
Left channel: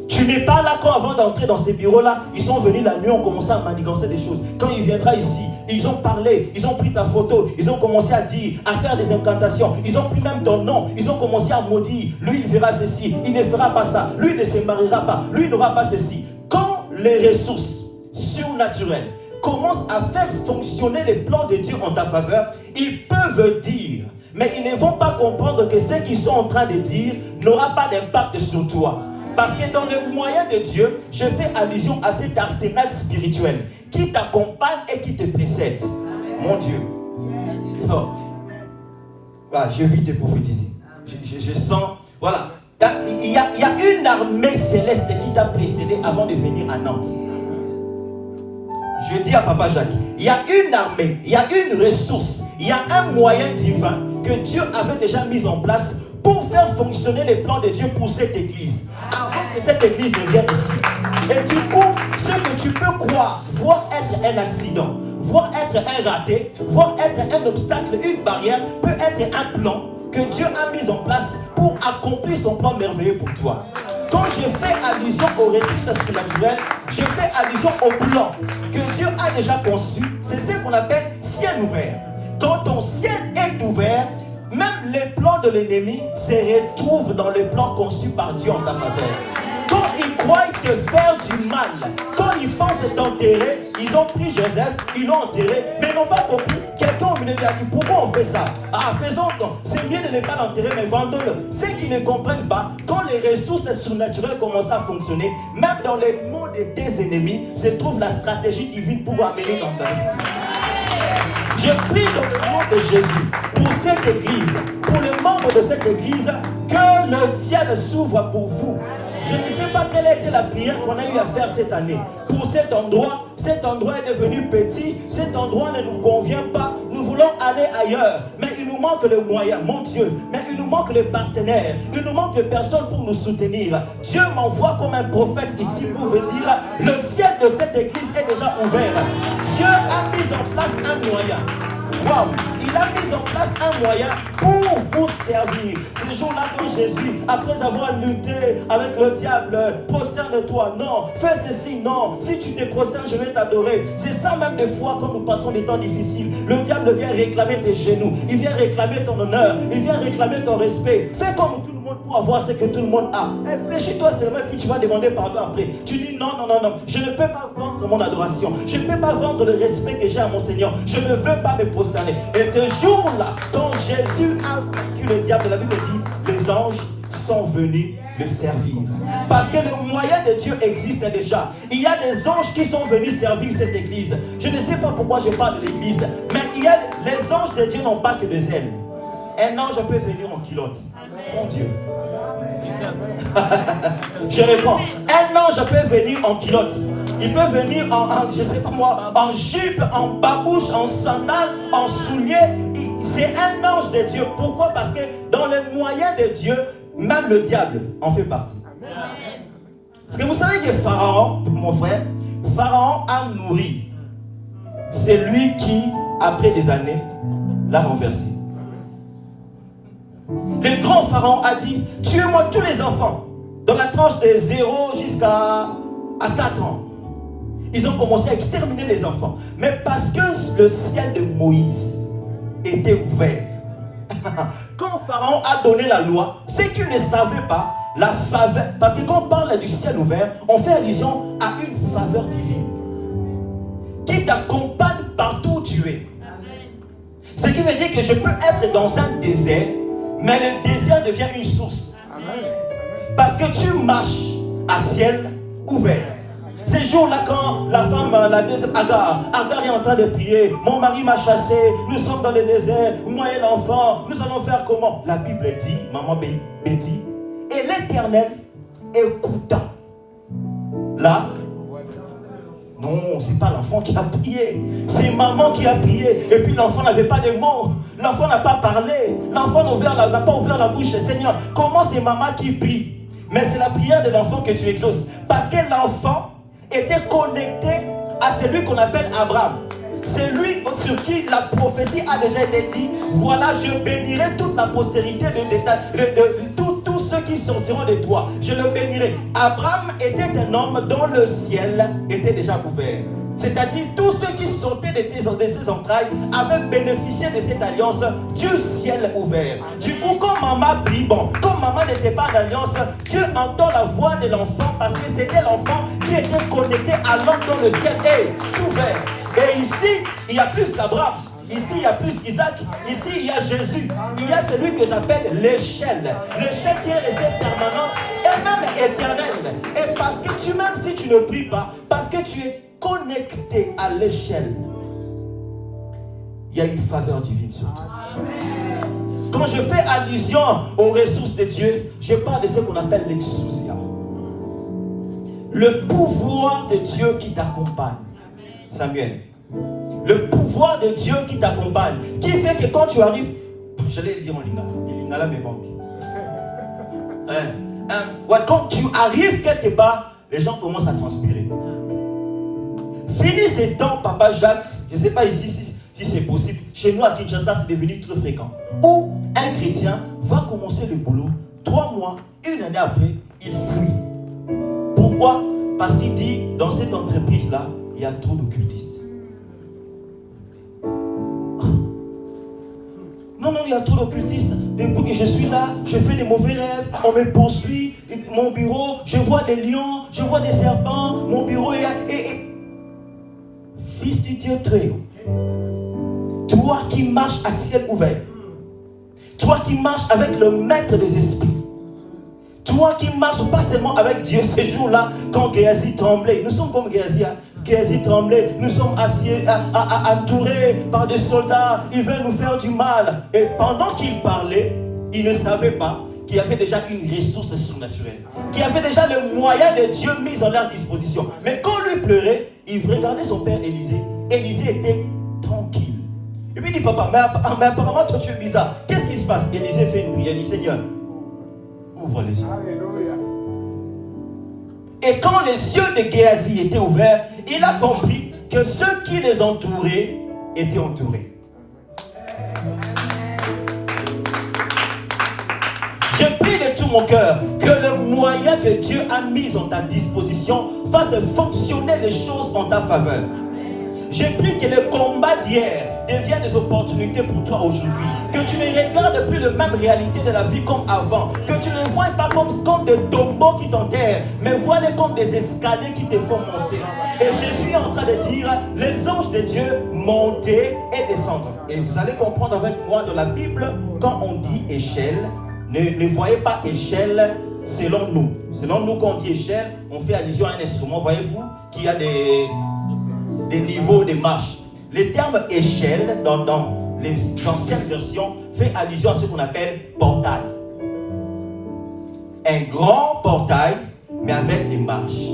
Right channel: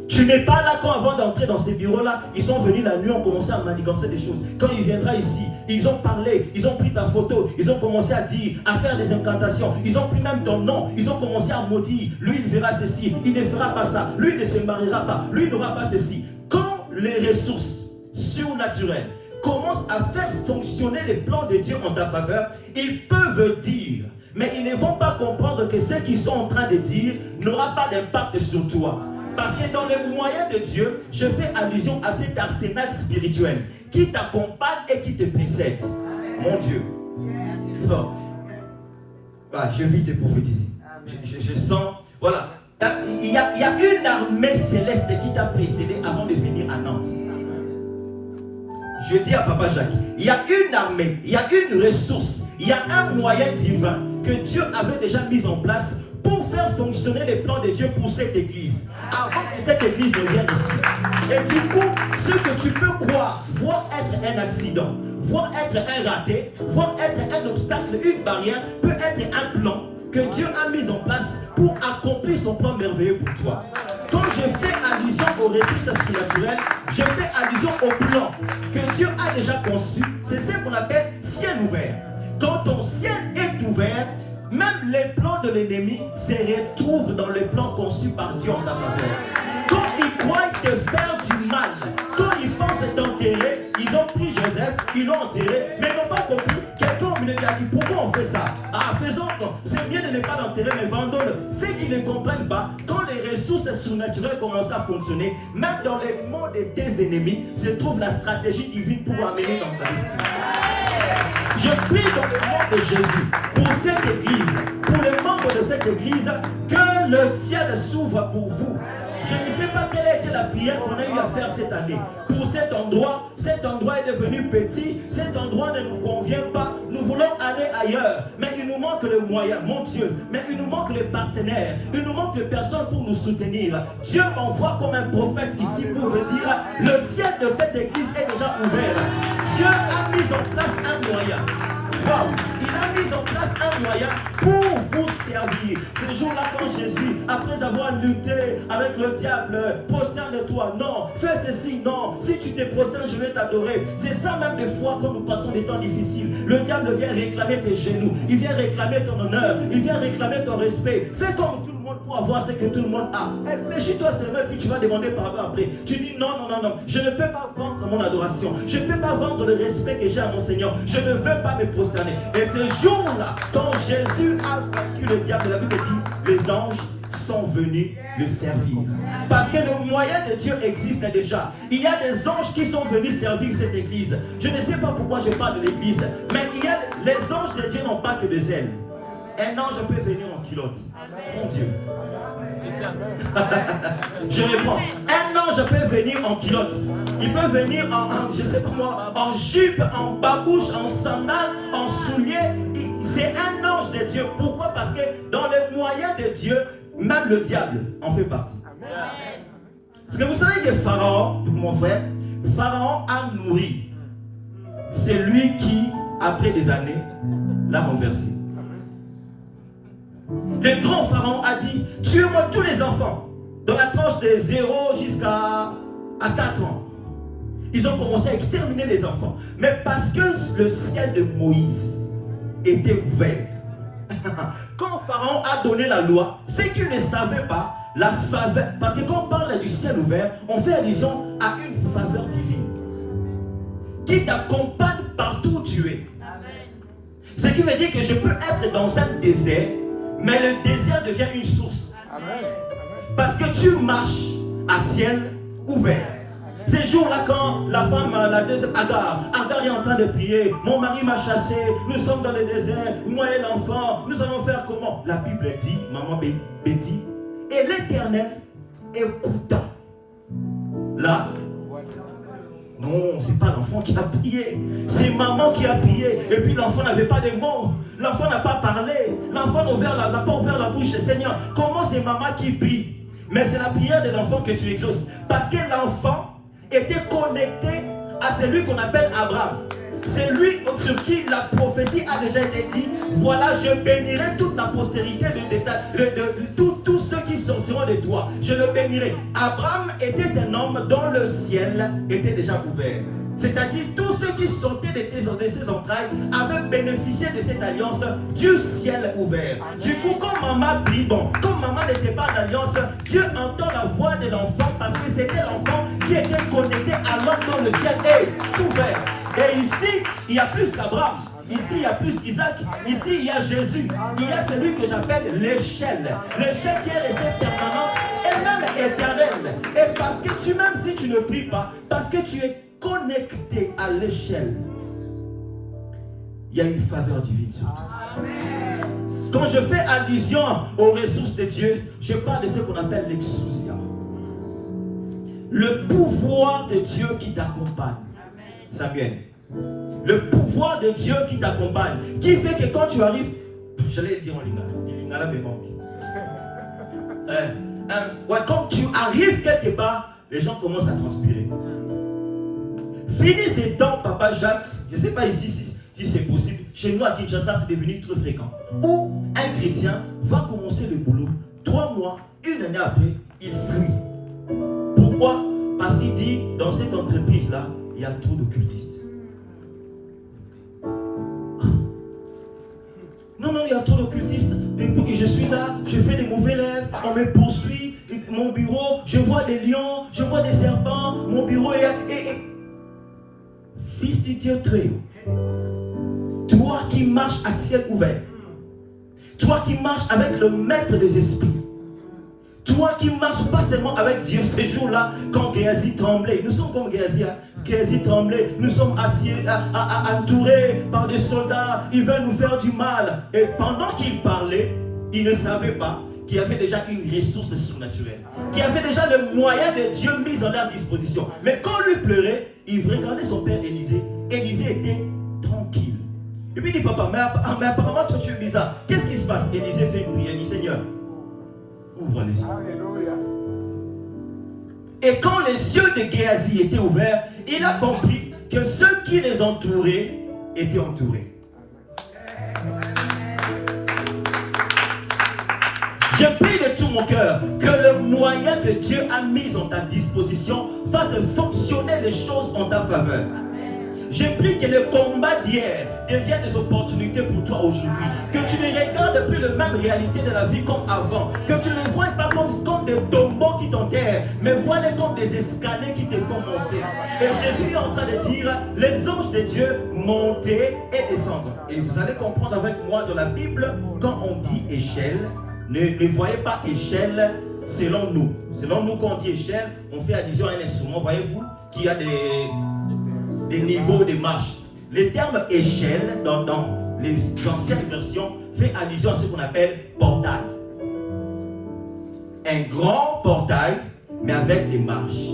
Tu n'es pas là quand avant d'entrer dans ces bureaux-là, ils sont venus la nuit, ont commencé à manigancer des choses. Quand il viendra ici, ils ont parlé, ils ont pris ta photo, ils ont commencé à dire, à faire des incantations, ils ont pris même ton nom, ils ont commencé à maudire. Lui, il verra ceci, il ne fera pas ça, lui, il ne se mariera pas, lui, il n'aura pas ceci. Quand les ressources surnaturelles commencent à faire fonctionner les plans de Dieu en ta faveur, ils peuvent dire, mais ils ne vont pas comprendre que ce qu'ils sont en train de dire n'aura pas d'impact sur toi. Parce que dans les moyens de Dieu, je fais allusion à cet arsenal spirituel qui t'accompagne et qui te précède. Mon Dieu. Oh. Voilà, je vis te prophétiser. Je sens, voilà. Il y a une armée céleste qui t'a précédé avant de venir à Nantes. Je dis à Papa Jacques, il y a une armée, il y a une ressource, il y a un moyen divin que Dieu avait déjà mis en place pour faire fonctionner les plans de Dieu pour cette église. Avant que cette église ne vienne ici. Et du coup, ce que tu peux croire, voir être un accident, voir être un raté, voir être un obstacle, une barrière, peut être un plan que Dieu a mis en place pour accomplir son plan merveilleux pour toi. Quand je fais allusion aux ressources surnaturelles, je fais allusion au plan que Dieu a déjà conçu. C'est ce qu'on appelle ciel ouvert. Quand ton ciel est ouvert, même les plans de l'ennemi se retrouvent dans les plans conçus par Dieu en ta faveur. Quand ils croient te faire du mal, quand ils pensent t'enterrer, ils ont pris Joseph, ils l'ont enterré, mais ils n'ont pas compris. Quelqu'un lui a dit, pourquoi on fait ça? Ah, faisons-le. C'est mieux de ne pas l'enterrer, mais vendons-le. Ceux qui ne comprennent pas, quand les ressources surnaturelles commencent à fonctionner, même dans les mots de tes ennemis, se trouve la stratégie divine pour amener dans ta vie. Je prie dans le nom de Jésus pour cette église, pour les membres de cette église, que le ciel s'ouvre pour vous. Je ne sais pas quelle a été la prière qu'on a eu à faire cette année. Pour cet endroit est devenu petit, cet endroit ne nous convient pas, nous voulons aller ailleurs. Mais il nous manque le moyen, mon Dieu, mais il nous manque les partenaires, il nous manque les personnes pour nous soutenir. Dieu m'envoie comme un prophète ici pour vous dire, le ciel de cette église est déjà ouvert. Dieu a mis en place un moyen. Waouh! Il a mis en place un moyen pour vous servir. C'est le jour-là quand Jésus, après avoir lutté avec le diable, prosterne-toi, non, fais ceci, non, si tu te prosternes, je vais t'adorer. C'est ça même des fois quand nous passons des temps difficiles. Le diable vient réclamer tes genoux, il vient réclamer ton honneur, il vient réclamer ton respect. Fais comme tout le monde pour avoir ce que tout le monde a. Réfléchis-toi seulement et puis tu vas demander pardon après. Tu dis non, je ne peux pas vendre mon adoration, je ne peux pas vendre le respect que j'ai à mon Seigneur, je ne veux pas me prosterner. Et ce jour-là, quand Jésus a vaincu le diable, la Bible dit, les anges sont venus le servir. Parce que le moyen de Dieu existe déjà. Il y a des anges qui sont venus servir cette église. Je ne sais pas pourquoi je parle de l'église, mais les anges de Dieu n'ont pas que des ailes. Un ange peut venir en culotte. Mon Dieu. Je réponds. Un ange peut venir en culotte. Il peut venir je sais pas moi, en jupe, en babouche, en sandales, en souliers. C'est un ange de Dieu. Pourquoi? Parce que dans les moyens de Dieu, même le diable en fait partie. Parce que vous savez que Pharaon, mon frère, Pharaon a nourri. C'est lui qui, après des années, l'a renversé. Le grand Pharaon a dit, tuez-moi tous les enfants, dans la tranche de 0 jusqu'à 4 ans. Ils ont commencé à exterminer les enfants. Mais parce que le ciel de Moïse était ouvert, quand Pharaon a donné la loi, c'est qu'il ne savait pas la faveur. Parce que quand on parle du ciel ouvert, on fait allusion à une faveur divine qui t'accompagne partout où tu es. Ce qui veut dire que je peux être dans un désert, mais le désert devient une source. Parce que tu marches à ciel ouvert. Ces jours-là, quand la femme, la deuxième, Agar est en train de prier. Mon mari m'a chassé, nous sommes dans le désert, moi et l'enfant, nous allons faire comment? La Bible dit, maman Betty, et l'Éternel écouta. Là, non, c'est pas l'enfant qui a prié, c'est maman qui a prié. Et puis l'enfant n'avait pas de mots, l'enfant n'a pas parlé, l'enfant n'a pas ouvert la bouche. Seigneur, comment c'est maman qui prie? Mais c'est la prière de l'enfant que tu exauces. Parce que l'enfant était connecté à celui qu'on appelle Abraham. C'est lui sur qui la prophétie a déjà été dit. Voilà, je bénirai toute la postérité de tous ceux qui sortiront de toi. Je le bénirai. Abraham était un homme dont le ciel était déjà ouvert. C'est-à-dire tous ceux qui sortaient de ses entrailles avaient bénéficié de cette alliance du ciel ouvert. Du coup, quand maman prie, comme maman n'était pas d'alliance, Dieu entend la voix de l'enfant parce que c'était l'enfant qui était connecté à l'homme dont le ciel est ouvert. Et ici, il y a plus qu'Abraham. Ici, il y a plus qu'Isaac. Ici, il y a Jésus. Il y a celui que j'appelle l'échelle. L'échelle qui est restée permanente et même éternelle. Et parce que même si tu ne pries pas, parce que tu es connecté à l'échelle, il y a une faveur divine sur toi. Quand je fais allusion aux ressources de Dieu, je parle de ce qu'on appelle l'exousia. Le pouvoir de Dieu qui t'accompagne. Samuel, le pouvoir de Dieu qui t'accompagne, qui fait que quand tu arrives, j'allais le dire en lingala, le lingala me manque. Quand tu arrives quelque part, les gens commencent à transpirer. Fini ces temps, Papa Jacques, je ne sais pas ici si c'est possible, chez nous à Kinshasa, c'est devenu très fréquent, où un chrétien va commencer le boulot, 3 mois, 1 année après, il fuit. Pourquoi? Parce qu'il dit, dans cette entreprise-là, il y a trop d'occultistes. Non, il y a trop d'occultistes. Depuis que je suis là, je fais des mauvais rêves, on me poursuit, mon bureau, je vois des lions, je vois des serpents, mon bureau est... Fils du Dieu très haut, toi qui marches à ciel ouvert, toi qui marches avec le maître des esprits, toi qui marches pas seulement avec Dieu ces jours-là, quand Géasi tremblait, nous sommes comme Géasi, Géasi tremblait, nous sommes entourés par des soldats, ils veulent nous faire du mal. Et pendant qu'il parlait, il ne savait pas qu'il y avait déjà une ressource surnaturelle, qu'il y avait déjà le moyen de Dieu mis en leur disposition. Mais quand lui pleurait, il regardait son père Élisée. Élisée était tranquille. Et puis il dit, papa, mais apparemment toi tu es bizarre. Qu'est-ce qui se passe? Élisée fait une prière, il dit, Seigneur, ouvre les yeux. Alléluia. Et quand les yeux de Géasi étaient ouverts, il a compris que ceux qui les entouraient étaient entourés. Je prie de tout mon cœur que le moyen que Dieu a mis en ta disposition fasse fonctionner les choses en ta faveur. Je prie que le combat d'hier devienne des opportunités pour toi aujourd'hui. Que tu ne regardes plus la même réalité de la vie comme avant. Que tu ne vois pas comme des tombeaux qui t'enterrent, mais vois-les comme des escaliers qui te font monter. Et Jésus est en train de dire, les anges de Dieu monter et descendre. Et vous allez comprendre avec moi dans la Bible, quand on dit échelle, ne voyez pas échelle selon nous. Selon nous, quand on dit échelle, on fait allusion à un instrument, voyez-vous, qui a des niveaux de marche. Le terme échelle, dans les anciennes versions, fait allusion à ce qu'on appelle portail. Un grand portail, mais avec des marches.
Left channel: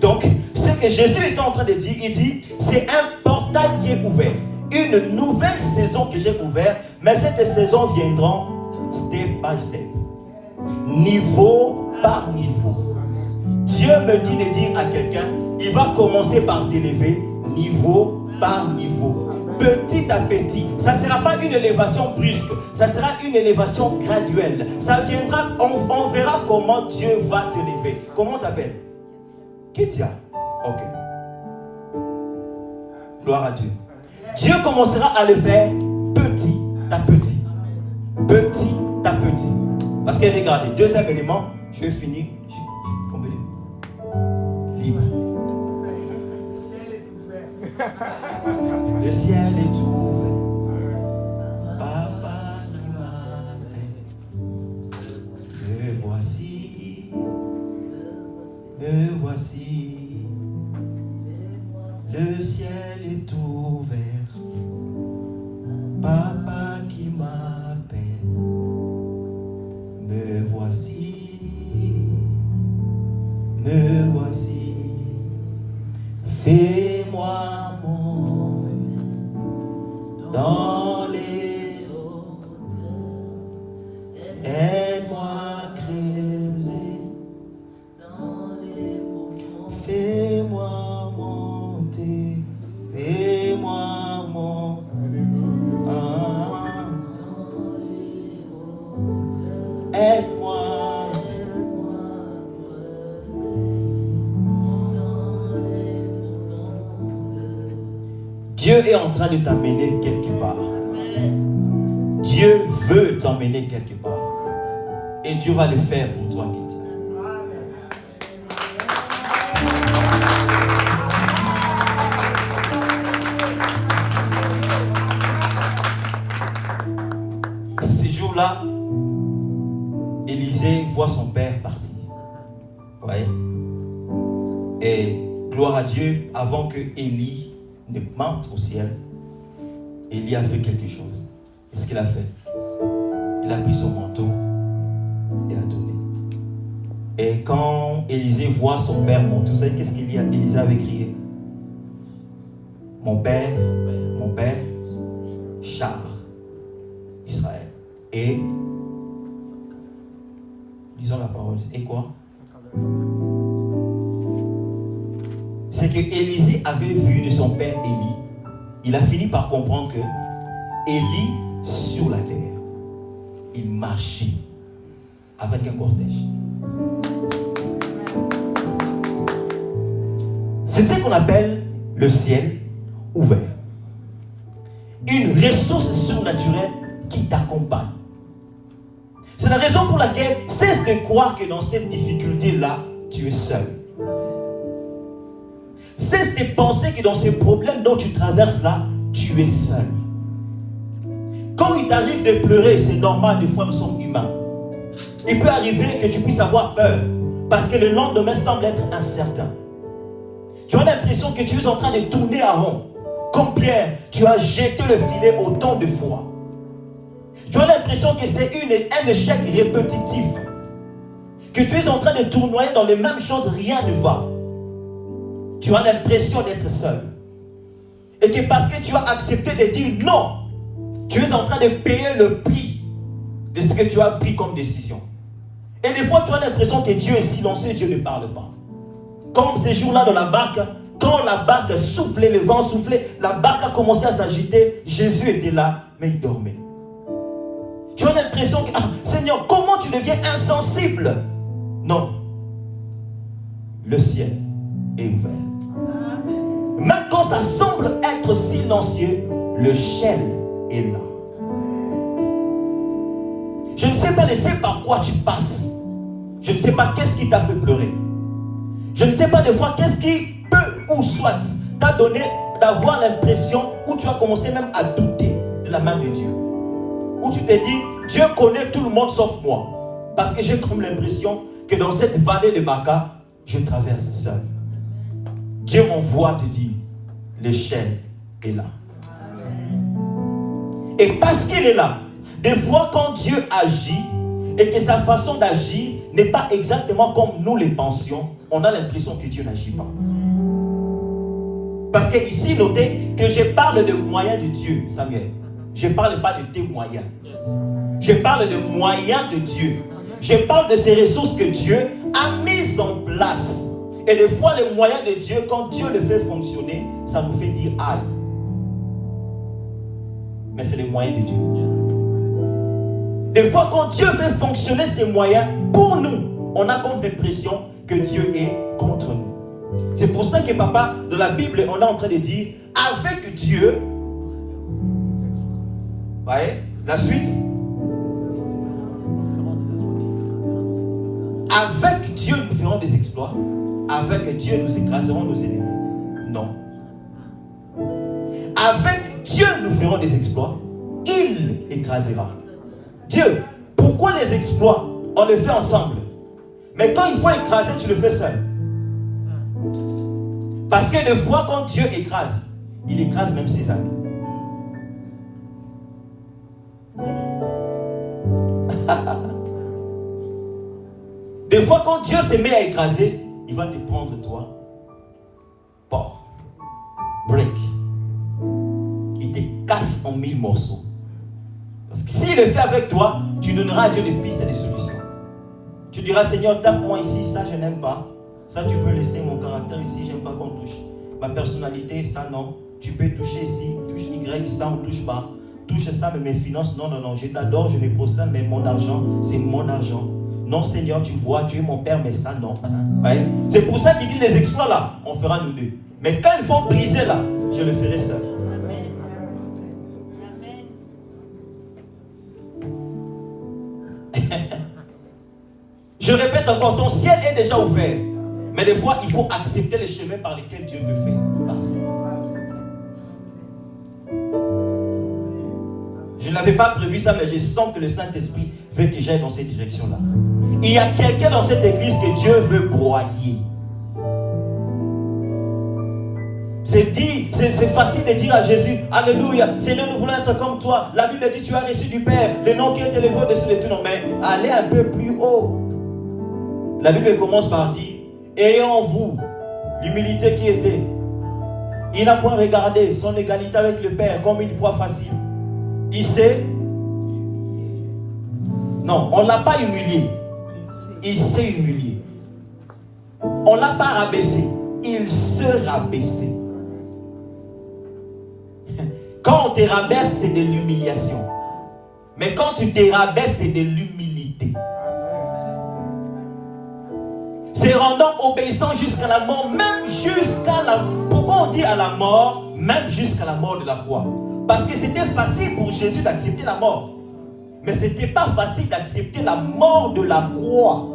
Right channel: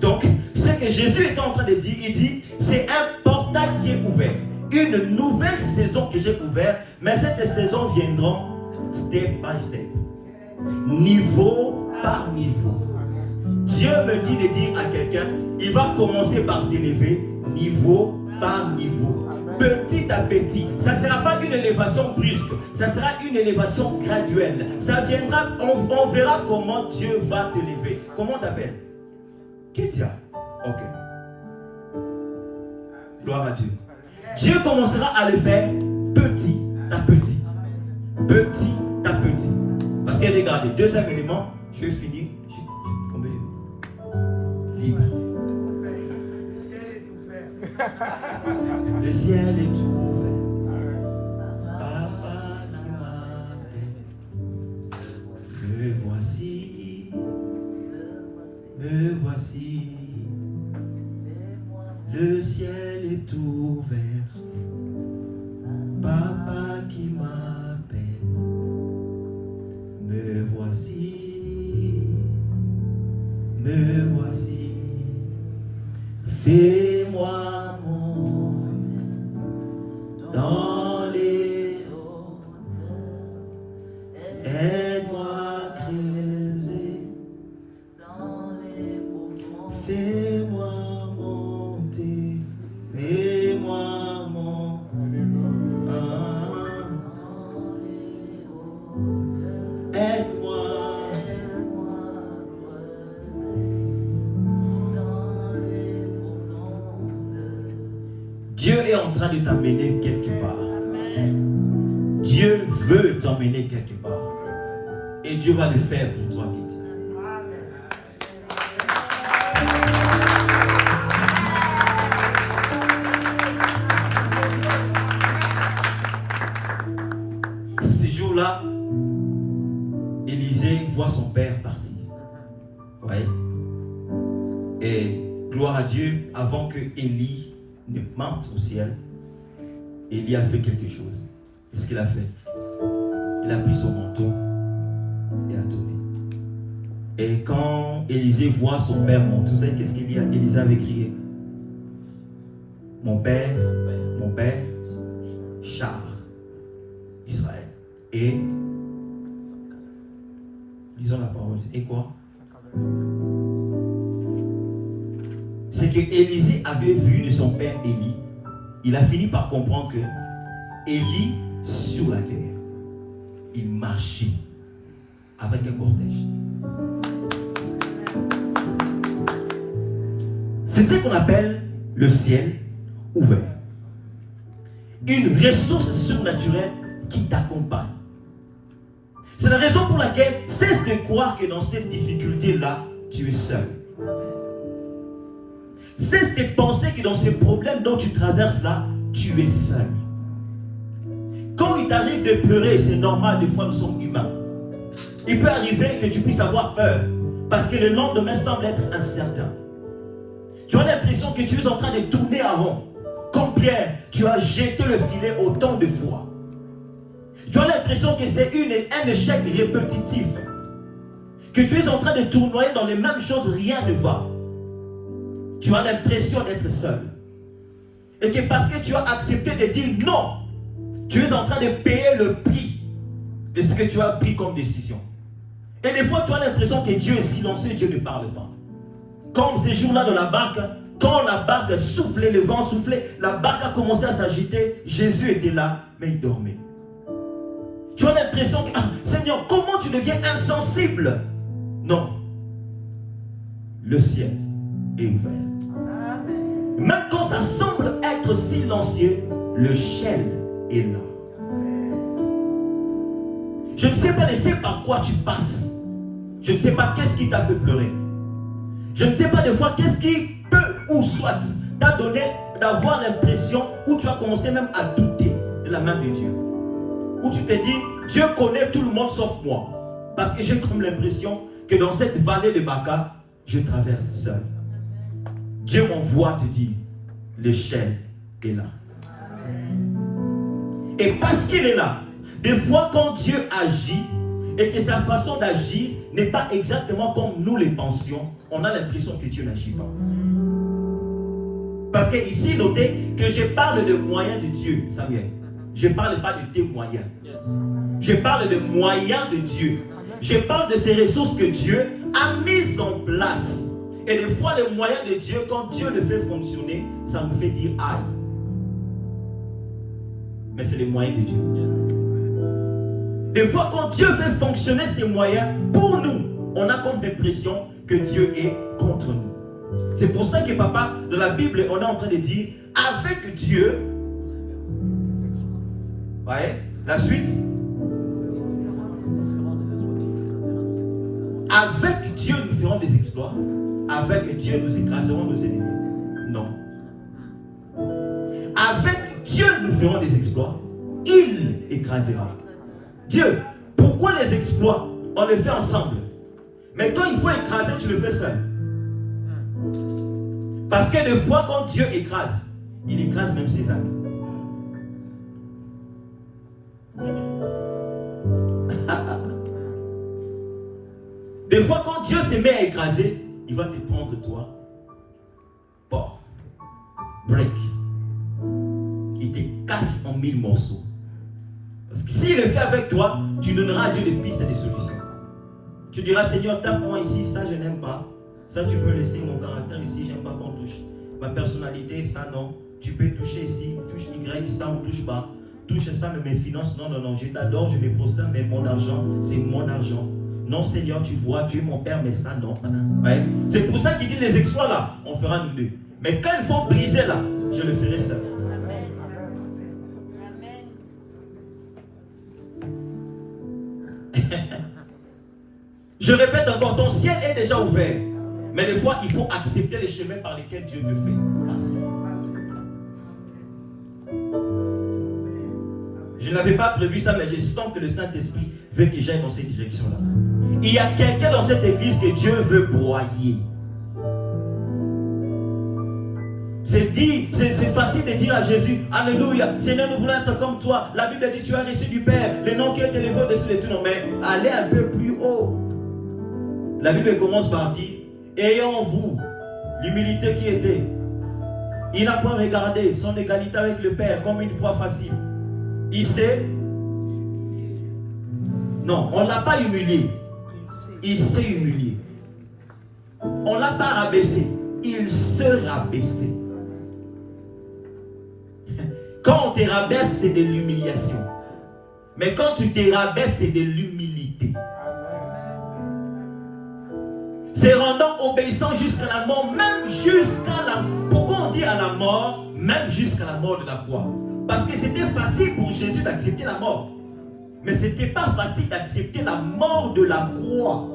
Donc, ce que Jésus est en train de dire, il dit, c'est un portail qui est ouvert. Une nouvelle saison que j'ai ouverte, mais cette saison viendra step by step. Niveau par niveau. Dieu me dit de dire à quelqu'un, il va commencer par t'élever niveau par niveau, petit à petit. Ça ne sera pas une élévation brusque, ça sera une élévation graduelle. Ça viendra, on verra comment Dieu va t'élever. Comment t'appelles? Kétia. Ok. Gloire à Dieu. Dieu commencera à le faire petit à petit. Petit à petit. Parce que regardez, deuxième élément, je vais finir. Combien de libre. Le ciel est ouvert. Papa qui m'appelle. Me voici. Me voici. voici, fais-moi monter dans les eaux, aide-moi à creuser dans les profonds, fais-moi monter, fais-moi monter, aide-moi. Dieu est en train de t'emmener quelque part. Dieu veut t'emmener quelque part. Et Dieu va le faire pour toi, Kitty. Ces jours-là, Élisée voit son père partir. Vous voyez? Et gloire à Dieu, avant que Élie ne monte au ciel, Élie a fait quelque chose. Qu'est-ce qu'il a fait? Il a pris son manteau et a donné. Et quand Élisée voit son père monter, vous savez qu'est-ce qu'Élisée avait crié? Mon père, char d'Israël. Et lisons la parole. Et quoi? C'est que Élisée avait vu de son père Élie. Il a fini par comprendre que Élie, sur la terre, il marchait avec un cortège. C'est ce qu'on appelle le ciel ouvert. Une ressource surnaturelle qui t'accompagne. C'est la raison pour laquelle cesse de croire que dans cette difficulté-là, tu es seul. Cesse de penser que dans ces problèmes dont tu traverses là, tu es seul. Quand il t'arrive de pleurer, c'est normal, des fois nous sommes humains. Il peut arriver que tu puisses avoir peur parce que le lendemain semble être incertain. Tu as l'impression que tu es en train de tourner à rond. Comme Pierre, tu as jeté le filet autant de fois. Tu as l'impression que c'est un échec répétitif. Que tu es en train de tournoyer dans les mêmes choses, rien ne va. Tu as l'impression d'être seul. Et que parce que tu as accepté de dire non, tu es en train de payer le prix de ce que tu as pris comme décision. Et des fois, tu as l'impression que Dieu est silencieux et Dieu ne parle pas. Comme ces jours-là dans la barque, quand la barque soufflait, le vent soufflait, la barque a commencé à s'agiter, Jésus était là, mais il dormait. Tu as l'impression que, Seigneur, comment tu deviens insensible? Non. Le ciel est ouvert. Même quand ça semble être silencieux, le ciel est là. Je ne sais pas laisser par quoi tu passes. Je ne sais pas qu'est-ce qui t'a fait pleurer. Je ne sais pas des fois qu'est-ce qui peut ou soit t'a donné d'avoir l'impression où tu as commencé même à douter de la main de Dieu. Où tu te dis, Dieu connaît tout le monde sauf moi. Parce que j'ai comme l'impression que dans cette vallée de Baca, je traverse seul. Dieu m'envoie te dire, l'échelle est là. Et parce qu'il est là, des fois quand Dieu agit et que sa façon d'agir n'est pas exactement comme nous les pensions, on a l'impression que Dieu n'agit pas. Parce que ici, notez que je parle de moyens de Dieu, Samuel. Je ne parle pas de tes moyens. Je parle de moyens de Dieu. Je parle de ces ressources que Dieu a mises en place. Et des fois, les moyens de Dieu, quand Dieu le fait fonctionner, ça nous fait dire aïe. Mais c'est les moyens de Dieu. Des fois, quand Dieu fait fonctionner ses moyens, pour nous, on a comme l'impression que Dieu est contre nous. C'est pour ça que papa, dans la Bible, on est en train de dire, avec Dieu, vous voyez, la suite, avec Dieu, nous ferons des exploits. Avec Dieu, nous écraserons nos ennemis. Non. Avec Dieu, nous ferons des exploits. Il écrasera. Dieu, pourquoi les exploits? On les fait ensemble. Mais quand il faut écraser, tu le fais seul. Parce que des fois, quand Dieu écrase, il écrase même ses amis. Des fois, quand Dieu se met à écraser, il va te prendre toi. Port. Break. Il te casse en 1000 morceaux. Parce que s'il le fait avec toi, tu donneras à Dieu des pistes et des solutions. Tu diras, Seigneur, tape-moi ici, ça je n'aime pas. Ça tu peux laisser, mon caractère ici, j'aime pas qu'on touche. Ma personnalité, ça non. Tu peux toucher ici, touche Y, ça on ne touche pas. Touche ça, mais mes finances, non, non, non. Je t'adore, je me prosterne, mais mon argent, c'est mon argent. Non, Seigneur, tu vois, tu es mon Père, mais ça, non. Ouais. C'est pour ça qu'il dit les exploits là, on fera nous deux. Mais quand il faut briser là, je le ferai seul. Je répète encore, ton ciel est déjà ouvert. Mais des fois, il faut accepter les chemins par lesquels Dieu te fait passer. Je n'avais pas prévu ça, mais je sens que le Saint-Esprit veut que j'aille dans cette direction-là. Il y a quelqu'un dans cette église que Dieu veut broyer. C'est facile de dire à Jésus, Alléluia, Seigneur, nous voulons être comme toi. La Bible dit, tu as reçu du Père, le nom qui est élevé au-dessus de tout nom. Mais allez un peu plus haut. La Bible commence par dire, ayant en vous l'humilité qui était. Il n'a point regardé son égalité avec le Père comme une proie facile. Il s'est... Non, on ne l'a pas humilié. Il s'est humilié. On ne l'a pas rabaissé. Il se rabaissait. Quand on te rabaisse, c'est de l'humiliation. Mais quand tu te rabaisses, c'est de l'humilité. C'est rendant obéissant jusqu'à la mort, même jusqu'à la... Pourquoi on dit à la mort, même jusqu'à la mort de la croix? Parce que c'était facile pour Jésus d'accepter la mort. Mais ce n'était pas facile d'accepter la mort de la croix.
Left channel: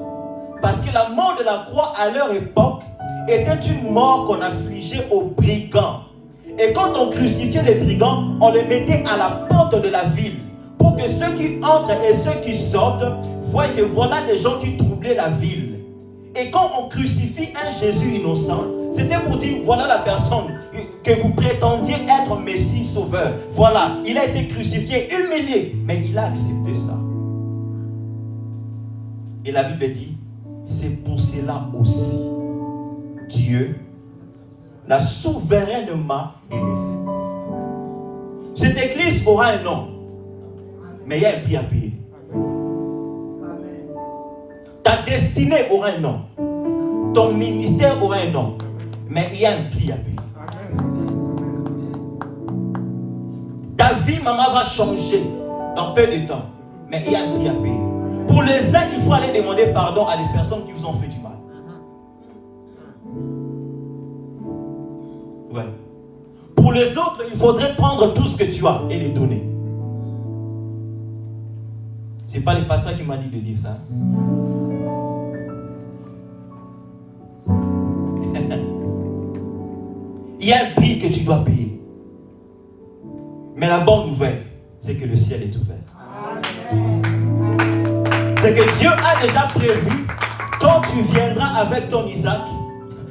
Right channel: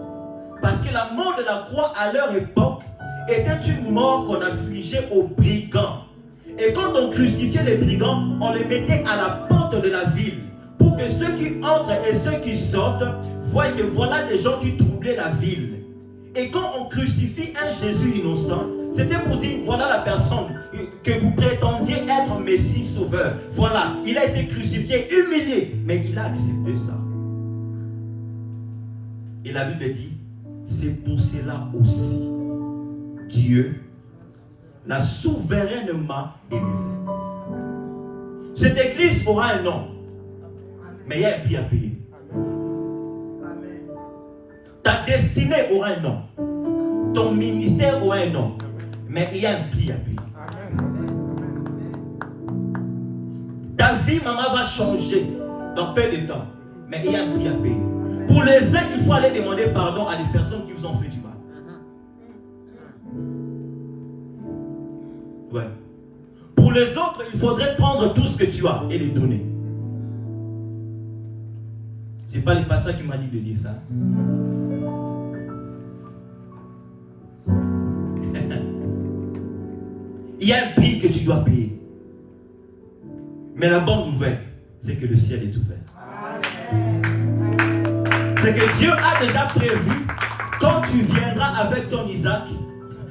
Parce que la mort de la croix, à leur époque, était une mort qu'on affligeait aux brigands. Et quand on crucifiait les brigands, on les mettait à la porte de la ville. Pour que ceux qui entrent et ceux qui sortent voient que voilà des gens qui troublaient la ville. Et quand on crucifie un Jésus innocent, c'était pour dire, voilà la personne que vous prétendiez être Messie sauveur. Voilà, il a été crucifié, humilié, mais il a accepté ça. Et la Bible dit, c'est pour cela aussi, Dieu l'a souverainement élevé. Cette église aura un nom, mais il y a un prix à payer. Ta destinée aura un nom. Ton ministère aura un nom. Mais il y a un prix à payer. Ta vie, maman, va changer dans peu de temps. Mais il y a un prix à payer. Pour les uns, il faut aller demander pardon à les personnes qui vous ont fait du mal. Ouais. Pour les autres, il faudrait prendre tout ce que tu as et les donner. C'est pas le pasteur qui m'a dit de dire ça. Il y a un prix que tu dois payer. Mais la bonne nouvelle, c'est que le ciel est ouvert. C'est que Dieu a déjà prévu, quand tu viendras avec ton Isaac,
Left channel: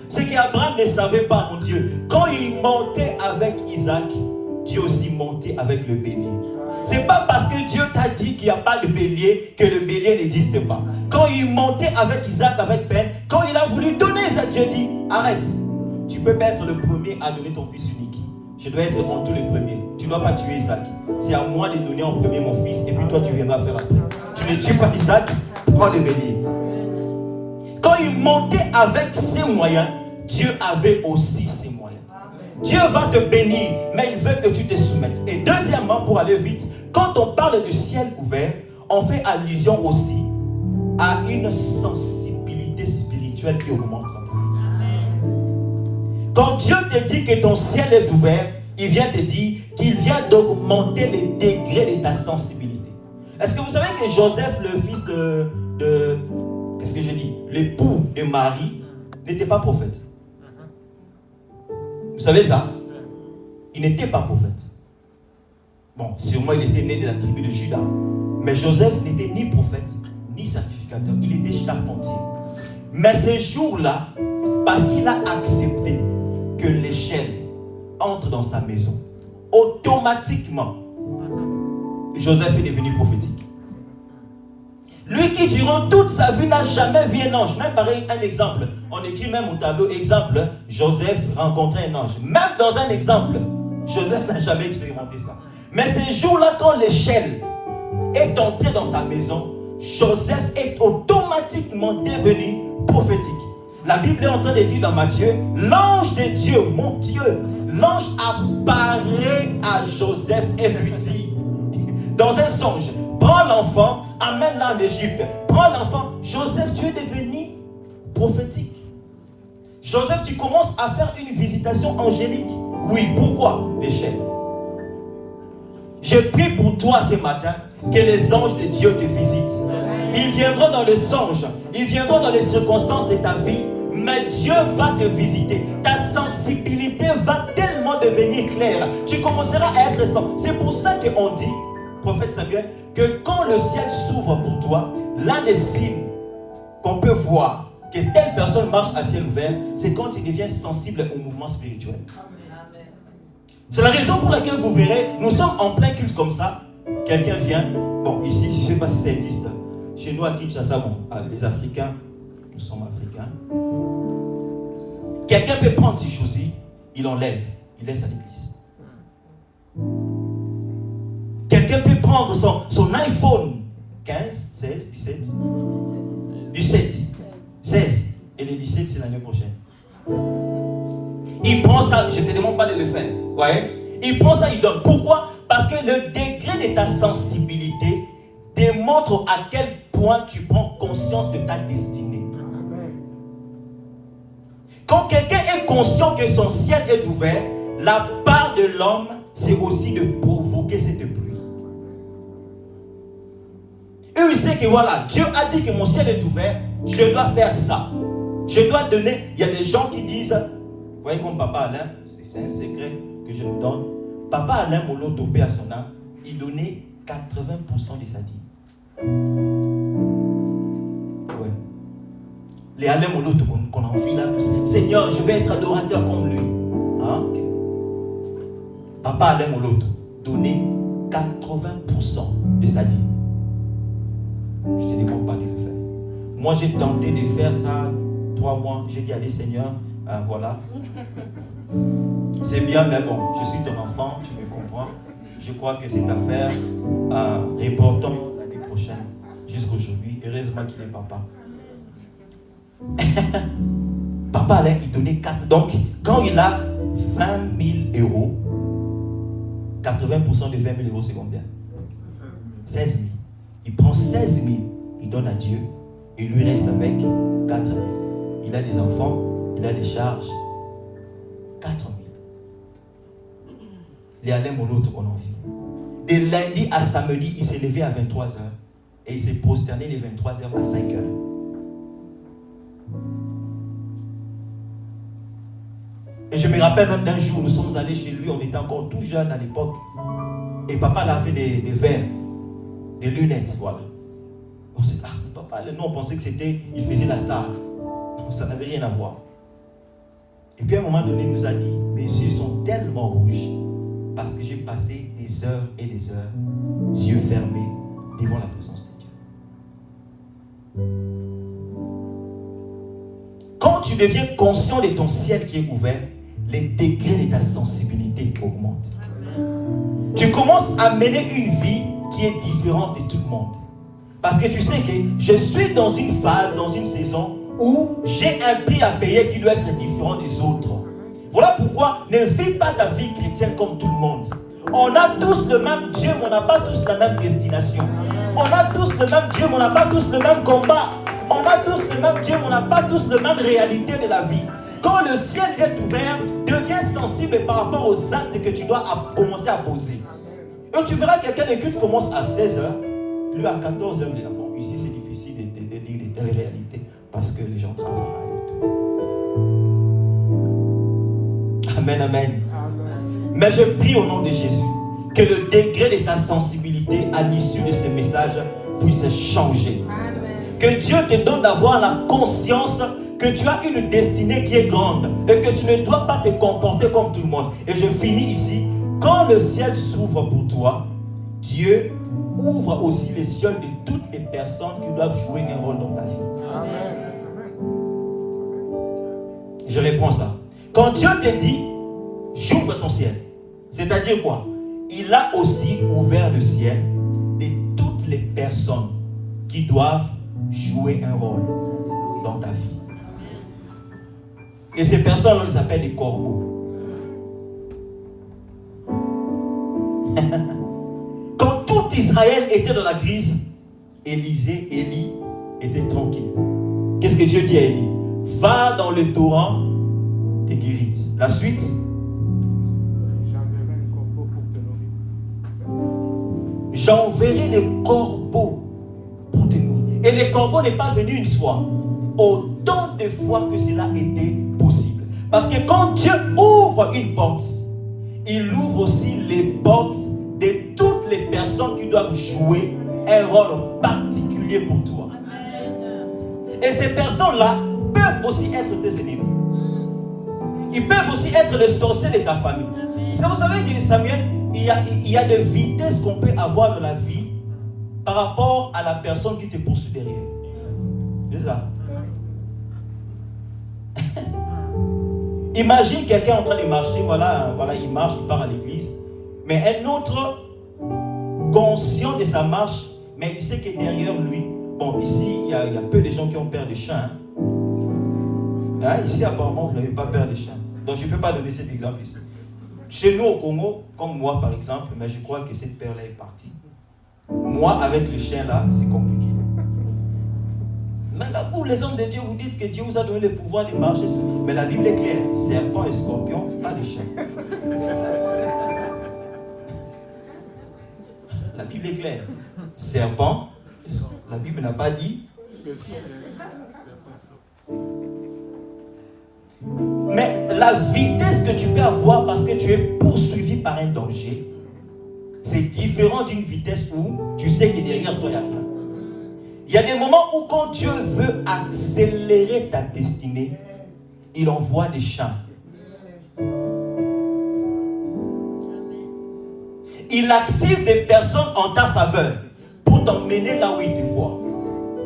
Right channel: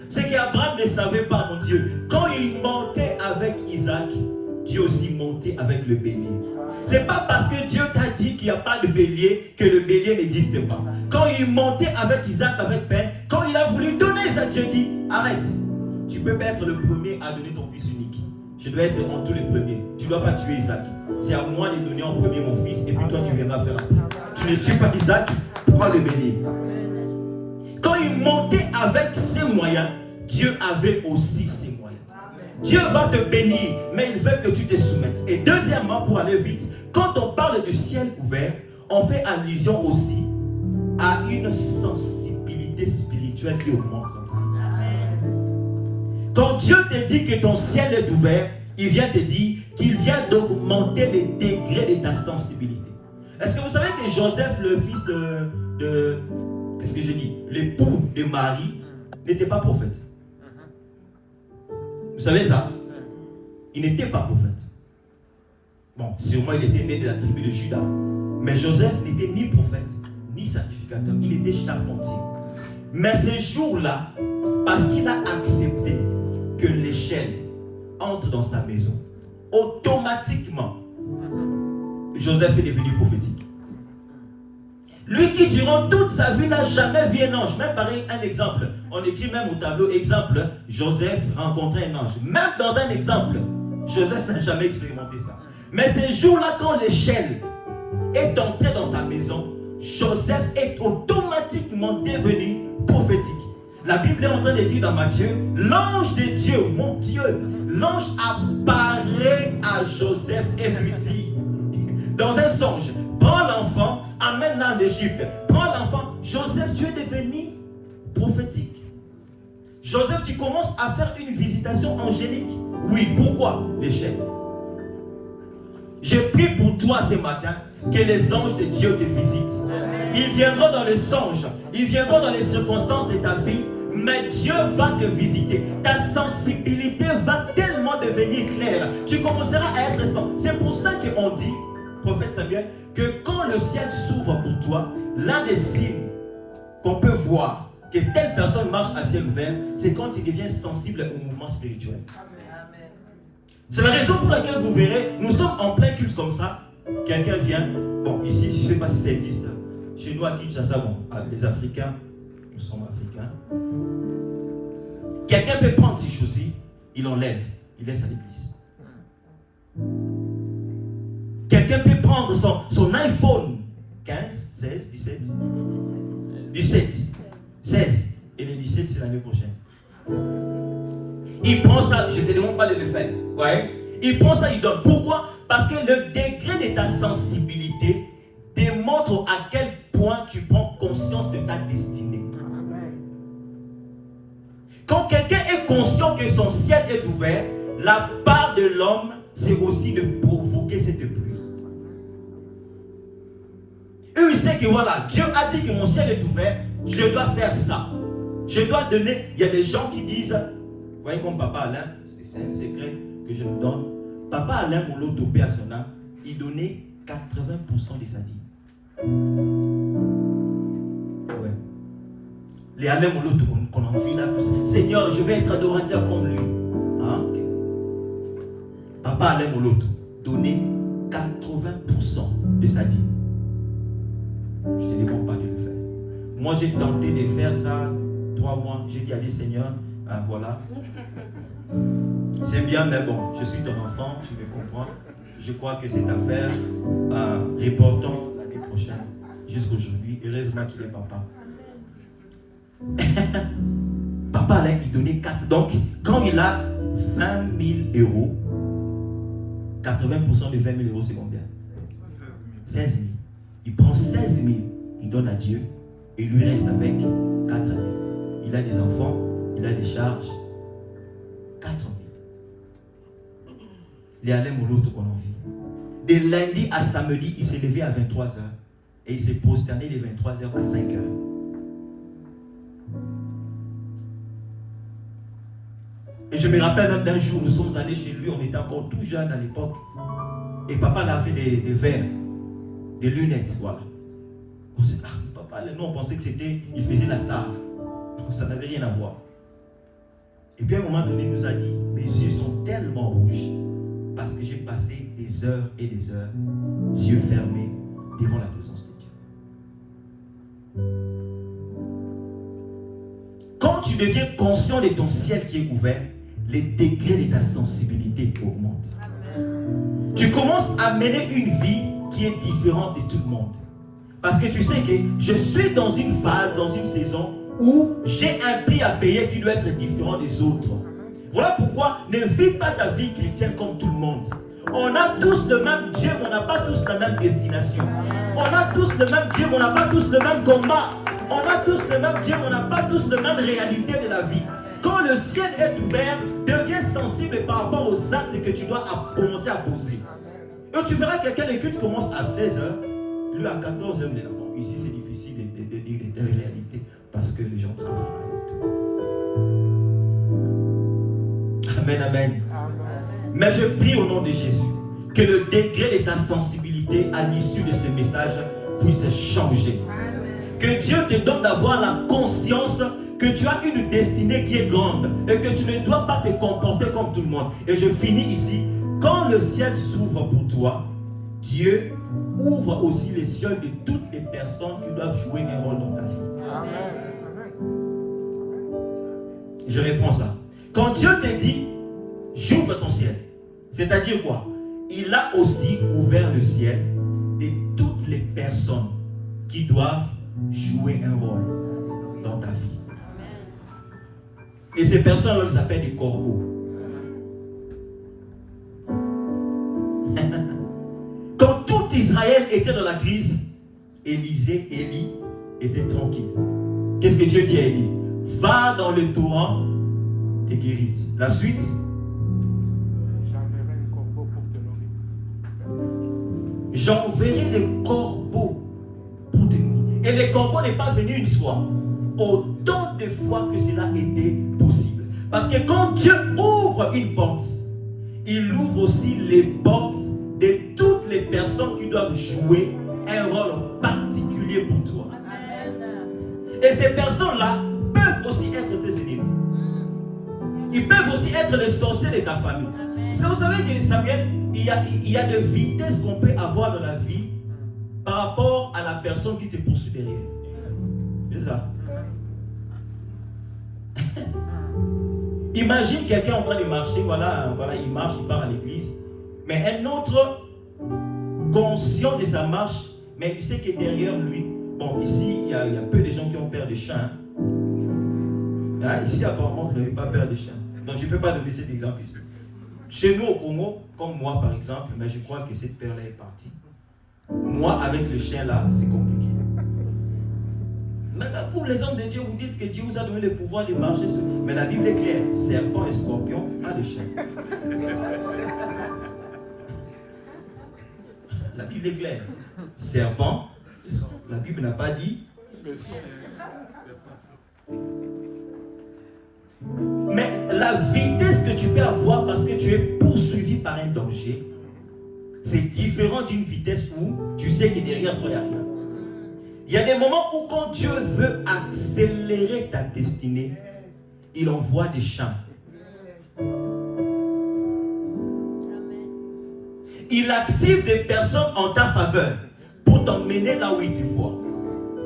c'est qu'Abraham ne savait pas, mon Dieu. Quand il montait avec Isaac, Dieu aussi montait avec le bélier. C'est pas parce que Dieu t'a dit qu'il n'y a pas de bélier que le bélier n'existe pas. Quand il montait avec Isaac, avec peine, quand il a voulu donner Isaac, Dieu dit, arrête. Tu peux pas être le premier à donner ton fils unique. Je dois être en tout le premier. Tu ne dois pas tuer Isaac. C'est à moi de donner en premier mon fils et puis toi tu viendras faire après. Tu ne tues pas Isaac, prends le bélier. Quand il montait avec ses moyens, Dieu avait aussi ses moyens. Dieu va te bénir, mais il veut que tu te soumettes. Et deuxièmement, pour aller vite, quand on parle du ciel ouvert, on fait allusion aussi à une sensibilité spirituelle qui augmente. Quand Dieu te dit que ton ciel est ouvert, il vient te dire qu'il vient d'augmenter les degrés de ta sensibilité. Est-ce que vous savez que Joseph, le fils de qu'est-ce que je dis, l'époux de Marie, n'était pas prophète? Vous savez ça? Il n'était pas prophète. Bon, sûrement il était né de la tribu de Juda. Mais Joseph n'était ni prophète, ni sacrificateur. Il était charpentier. Mais ce jour-là, parce qu'il a accepté que l'échelle entre dans sa maison, automatiquement, Joseph est devenu prophétique. Lui, Lui qui durant toute sa vie n'a jamais vu un ange. Même pareil, un exemple. On écrit même au tableau, exemple, Joseph rencontrait un ange. Même dans un exemple, Joseph n'a jamais expérimenté ça. Mais ces jours-là, quand l'échelle est entrée dans sa maison, Joseph est automatiquement devenu prophétique. La Bible est en train de dire dans Matthieu, l'ange de Dieu, mon Dieu, l'ange apparaît à Joseph et lui dit, dans un songe, prends l'enfant, amène-le en Égypte. Prends l'enfant. Joseph, tu es devenu prophétique. Joseph, tu commences à faire une visitation angélique. Oui, pourquoi? L'échelle. Je prie pour toi ce matin que les anges de Dieu te visitent. Ils viendront dans les songes, ils viendront dans les circonstances de ta vie, mais Dieu va te visiter. Ta sensibilité va tellement devenir claire. Tu commenceras à être sens. C'est pour ça qu'on dit, prophète Samuel, que quand le ciel s'ouvre pour toi, l'un des signes qu'on peut voir que telle personne marche à ciel ouvert, c'est quand il devient sensible au mouvement spirituel. C'est la raison pour laquelle vous verrez, nous sommes en plein culte comme ça. Quelqu'un vient, bon, ici, je ne sais pas si ça existe. Chez nous à Kinshasa, bon, les Africains, nous sommes Africains. Quelqu'un peut prendre ses chaussures, il enlève, il laisse à l'église. Quelqu'un peut prendre son iPhone 15, 16, 17, 16, et le 17 c'est l'année prochaine. Il prend ça, je ne te demande pas de le faire. Ouais. Il prend ça, il donne. Pourquoi? Parce que le degré de ta sensibilité démontre à quel point tu prends conscience de ta destinée. Quand quelqu'un est conscient que son ciel est ouvert, la part de l'homme, c'est aussi de provoquer cette pluie. Eux, ils savent que voilà, Dieu a dit que mon ciel est ouvert, je dois faire ça. Je dois donner. Il y a des gens qui disent, vous voyez comme Papa Alain, c'est un secret que je vous donne. Papa Alain Molo Topé à son âme, il donnait 80% de sa dîme. Ouais. Les Alain Molo qu'on a envie là, Seigneur, je vais être adorateur comme lui. Hein? Okay. Papa Alain Molo donnait 80% de sa dîme. Je ne te demande pas de le faire. Moi, j'ai tenté de faire ça 3 mois. J'ai dit à Dieu, Seigneur, voilà. C'est bien, mais bon, je suis ton enfant, tu me comprends. Je crois que cette affaire, reportons l'année prochaine jusqu'aujourd'hui. Heureusement qu'il est papa. Papa, là, il donnait 4. Donc, quand il a 20 000 euros, 80% de 20 000 euros, c'est combien? 16 000. Il prend 16 000, il donne à Dieu, et lui reste avec 4 000. Il a des enfants, il a des charges. 4 000. Les Alain Moloto qu'on en vit. De lundi à samedi, il s'est levé à 23h. Et il s'est prosterné de 23h à 5h. Et je me rappelle même d'un jour, nous sommes allés chez lui, on était encore tout jeune à l'époque. Et papa avait des verres, des lunettes, voilà. On s'est dit, papa, nous on pensait que c'était, il faisait la star. Donc ça n'avait rien à voir. Et puis à un moment donné, il nous a dit, mes yeux sont tellement rouges parce que j'ai passé des heures et des heures, yeux fermés, devant la présence de Dieu. Quand tu deviens conscient de ton ciel qui est ouvert, les degrés de ta sensibilité augmentent. Tu commences à mener une vie qui est différente de tout le monde. Parce que tu sais que je suis dans une phase, dans une saison où j'ai un prix à payer qui doit être différent des autres. Voilà pourquoi ne vis pas ta vie chrétienne comme tout le monde. On a tous le même Dieu, mais on n'a pas tous la même destination. On a tous le même Dieu, mais on n'a pas tous le même combat. On a tous le même Dieu, mais on n'a pas tous la même réalité de la vie. Quand le ciel est ouvert, deviens sensible par rapport aux actes que tu dois commencer à poser. Et tu verras que quelqu'un de culte commence à 16h, lui à 14h, il est là. Bon, ici c'est difficile de dire de telles réalités parce que les gens travaillent et tout. Amen, amen. Mais je prie au nom de Jésus que le degré de ta sensibilité à l'issue de ce message puisse changer. Que Dieu te donne d'avoir la conscience que tu as une destinée qui est grande et que tu ne dois pas te comporter comme tout le monde. Et je finis ici. Quand le ciel s'ouvre pour toi, Dieu ouvre aussi les cieux de toutes les personnes qui doivent jouer un rôle dans ta vie. Je réponds ça. Quand Dieu te dit, j'ouvre ton ciel, c'est-à-dire quoi? Il a aussi ouvert le ciel de toutes les personnes qui doivent jouer un rôle dans ta vie. Et ces personnes, on les appelle des corbeaux. Quand tout Israël était dans la crise, Élie était tranquille. Qu'est-ce que Dieu dit à Élie? Va dans le torrent et guérit. La suite? J'enverrai les corbeaux pour te nourrir. Et les corbeaux n'est pas venu une fois. Autant de fois que cela était possible. Parce que quand Dieu ouvre une porte, il ouvre aussi les portes de toutes les personnes qui doivent jouer un rôle particulier pour toi. Et ces personnes-là peuvent aussi être tes ennemis. Ils peuvent aussi être les sorciers de ta famille. Parce que vous savez que Samuel, il y a des vitesses qu'on peut avoir dans la vie par rapport à la personne qui te poursuit derrière. C'est ça. Imagine quelqu'un en train de marcher, voilà, il marche, il part à l'église, mais un autre conscient de sa marche, mais il sait que derrière lui, bon, ici, il y a peu de gens qui ont peur des chiens. Hein, ici, apparemment, vous n'avez pas peur des chiens. Donc, je ne peux pas donner cet exemple ici. Chez nous, au Congo, comme moi, par exemple, mais je crois que cette peur-là est partie. Moi, avec le chien là, c'est compliqué. Maintenant, pour les hommes de Dieu, vous dites que Dieu vous a donné le pouvoir de marcher sur... Mais la Bible est claire. Serpent et scorpion, pas de chien. La Bible est claire. Serpent et scorpion. La Bible n'a pas dit... Mais la vitesse que tu peux avoir parce que tu es poursuivi par un danger, c'est différent d'une vitesse où tu sais que derrière toi, il n'y a rien. Il y a des moments où quand Dieu veut accélérer ta destinée, il envoie des champs. Il active des personnes en ta faveur pour t'emmener là où il te voit.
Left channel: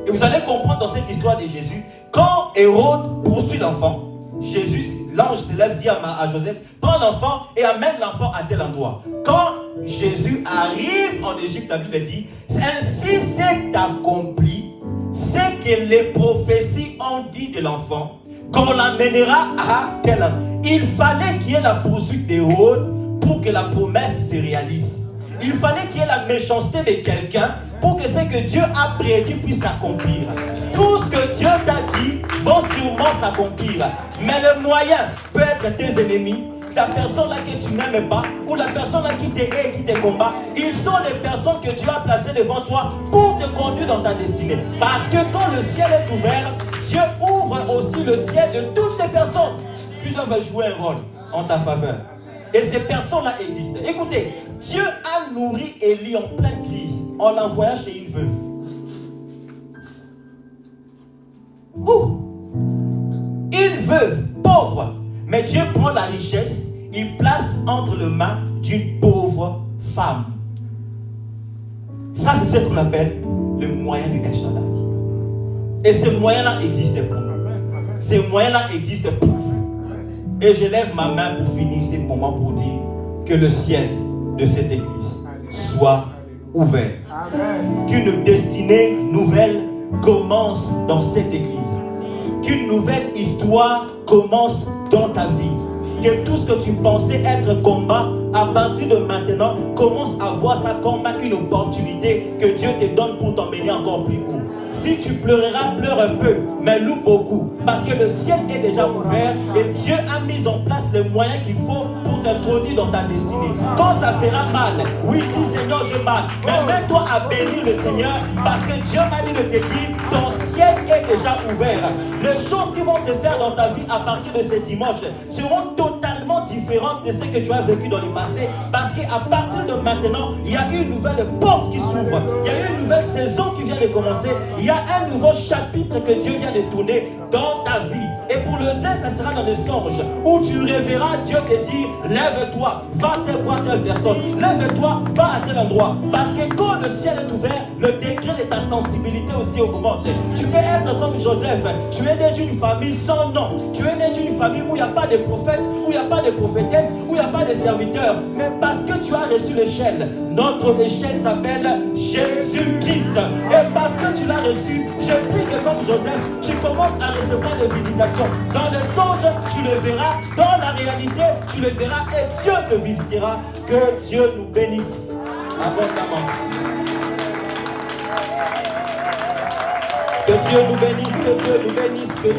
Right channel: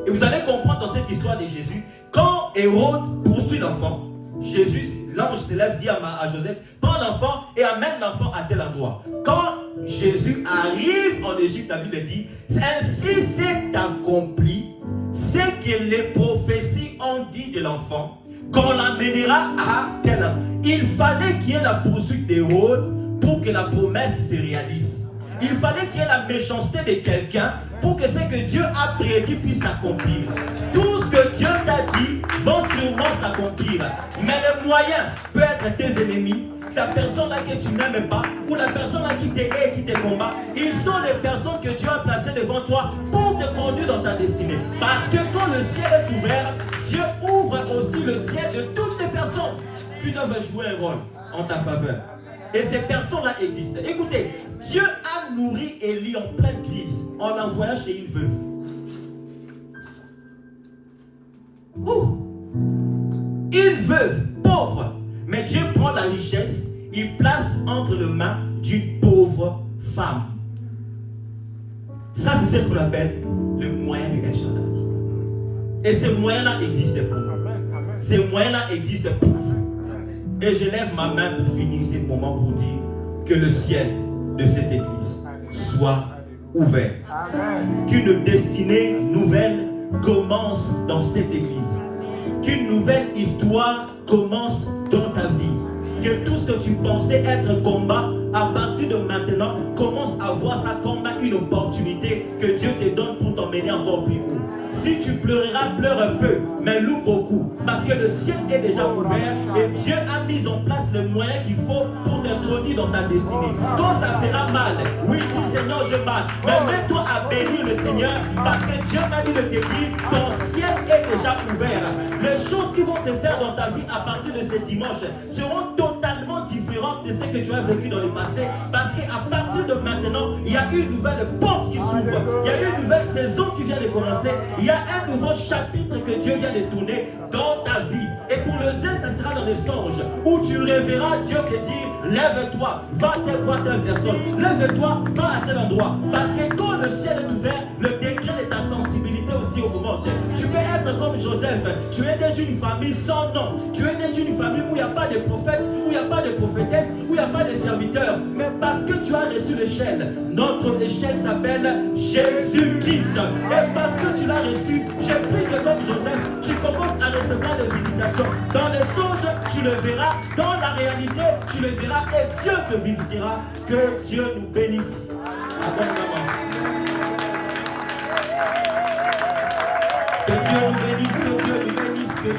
Et vous allez comprendre dans cette histoire de Jésus, quand Hérode poursuit l'enfant, Jésus, l'ange se lève, dit à Joseph, prends l'enfant et amène l'enfant à tel endroit. Quand Jésus arrive en Égypte, la Bible dit, ainsi s'est accompli ce que les prophéties ont dit de l'enfant, qu'on l'amènera à tel endroit. Il fallait qu'il y ait la poursuite d'Hérode pour que la promesse se réalise. Il fallait qu'il y ait la méchanceté de quelqu'un pour que ce que Dieu a prédit puisse s'accomplir. Tout ce que Dieu t'a dit va sûrement s'accomplir. Mais le moyen peut être tes ennemis, la personne là que tu n'aimes pas, ou la personne là qui te hait, qui te combat. Ils sont les personnes que Dieu a placées devant toi pour te conduire dans ta destinée. Parce que quand le ciel est ouvert, Dieu ouvre aussi le ciel de toutes les personnes qui doivent jouer un rôle en ta faveur. Et ces personnes-là existent. Écoutez, Dieu a nourri Élie en pleine crise en l'envoyant chez une veuve. Une veuve pauvre. Mais Dieu prend la richesse, il place entre les mains d'une pauvre femme. Ça, c'est ce qu'on appelle le moyen de El Shaddai. Et ces moyens-là existent pour nous. Ces moyens-là existent pour vous. Et je lève ma main pour finir ce moment pour dire que le ciel de cette église soit ouvert. Qu'une destinée nouvelle commence dans cette église. Qu'une nouvelle histoire commence dans ta vie. Que tout ce que tu pensais être combat, à partir de maintenant, commence à voir ça comme une opportunité que Dieu te donne pour t'emmener encore plus haut. Si tu pleureras, pleure un peu, mais loue beaucoup. Parce que le ciel est déjà ouvert et Dieu a mis en place les moyens qu'il faut pour t'introduire dans ta destinée. Quand ça fera mal, oui, dis Seigneur, j'ai mal. Mais mets-toi à bénir le Seigneur parce que Dieu a dit de te dire, ton ciel est déjà ouvert. Les choses qui vont se faire dans ta vie à partir de ce dimanche seront totalement différentes de ce que tu as vécu dans le passé. Parce qu'à partir de maintenant, il y a une nouvelle porte qui s'ouvre. Il y a une nouvelle saison qui vient de commencer. Il y a un nouveau chapitre que Dieu vient de tourner dans ta vie. Et pour le zèle, ça sera dans les songes où tu rêveras Dieu te dire, lève-toi, va voir telle personne. Lève-toi, va à tel endroit. Parce que quand le ciel est ouvert, le degré de ta sensibilité aussi augmente. Tu peux être comme Joseph. Tu es né d'une famille sans nom. Tu es né d'une famille où il n'y a pas de prophète, où il n'y a pas de prophétesse, où il n'y a pas de serviteur. Mais parce que tu as reçu l'échelle, notre échelle s'appelle Jésus-Christ. Et parce que tu l'as reçu, je prie que comme Joseph, tu commences à recevoir des visitations. Dans les songes, tu le verras. Dans la réalité, tu le verras. Et Dieu te visitera. Que Dieu nous bénisse abondamment. Que Dieu nous bénisse, que Dieu nous bénisse, que Dieu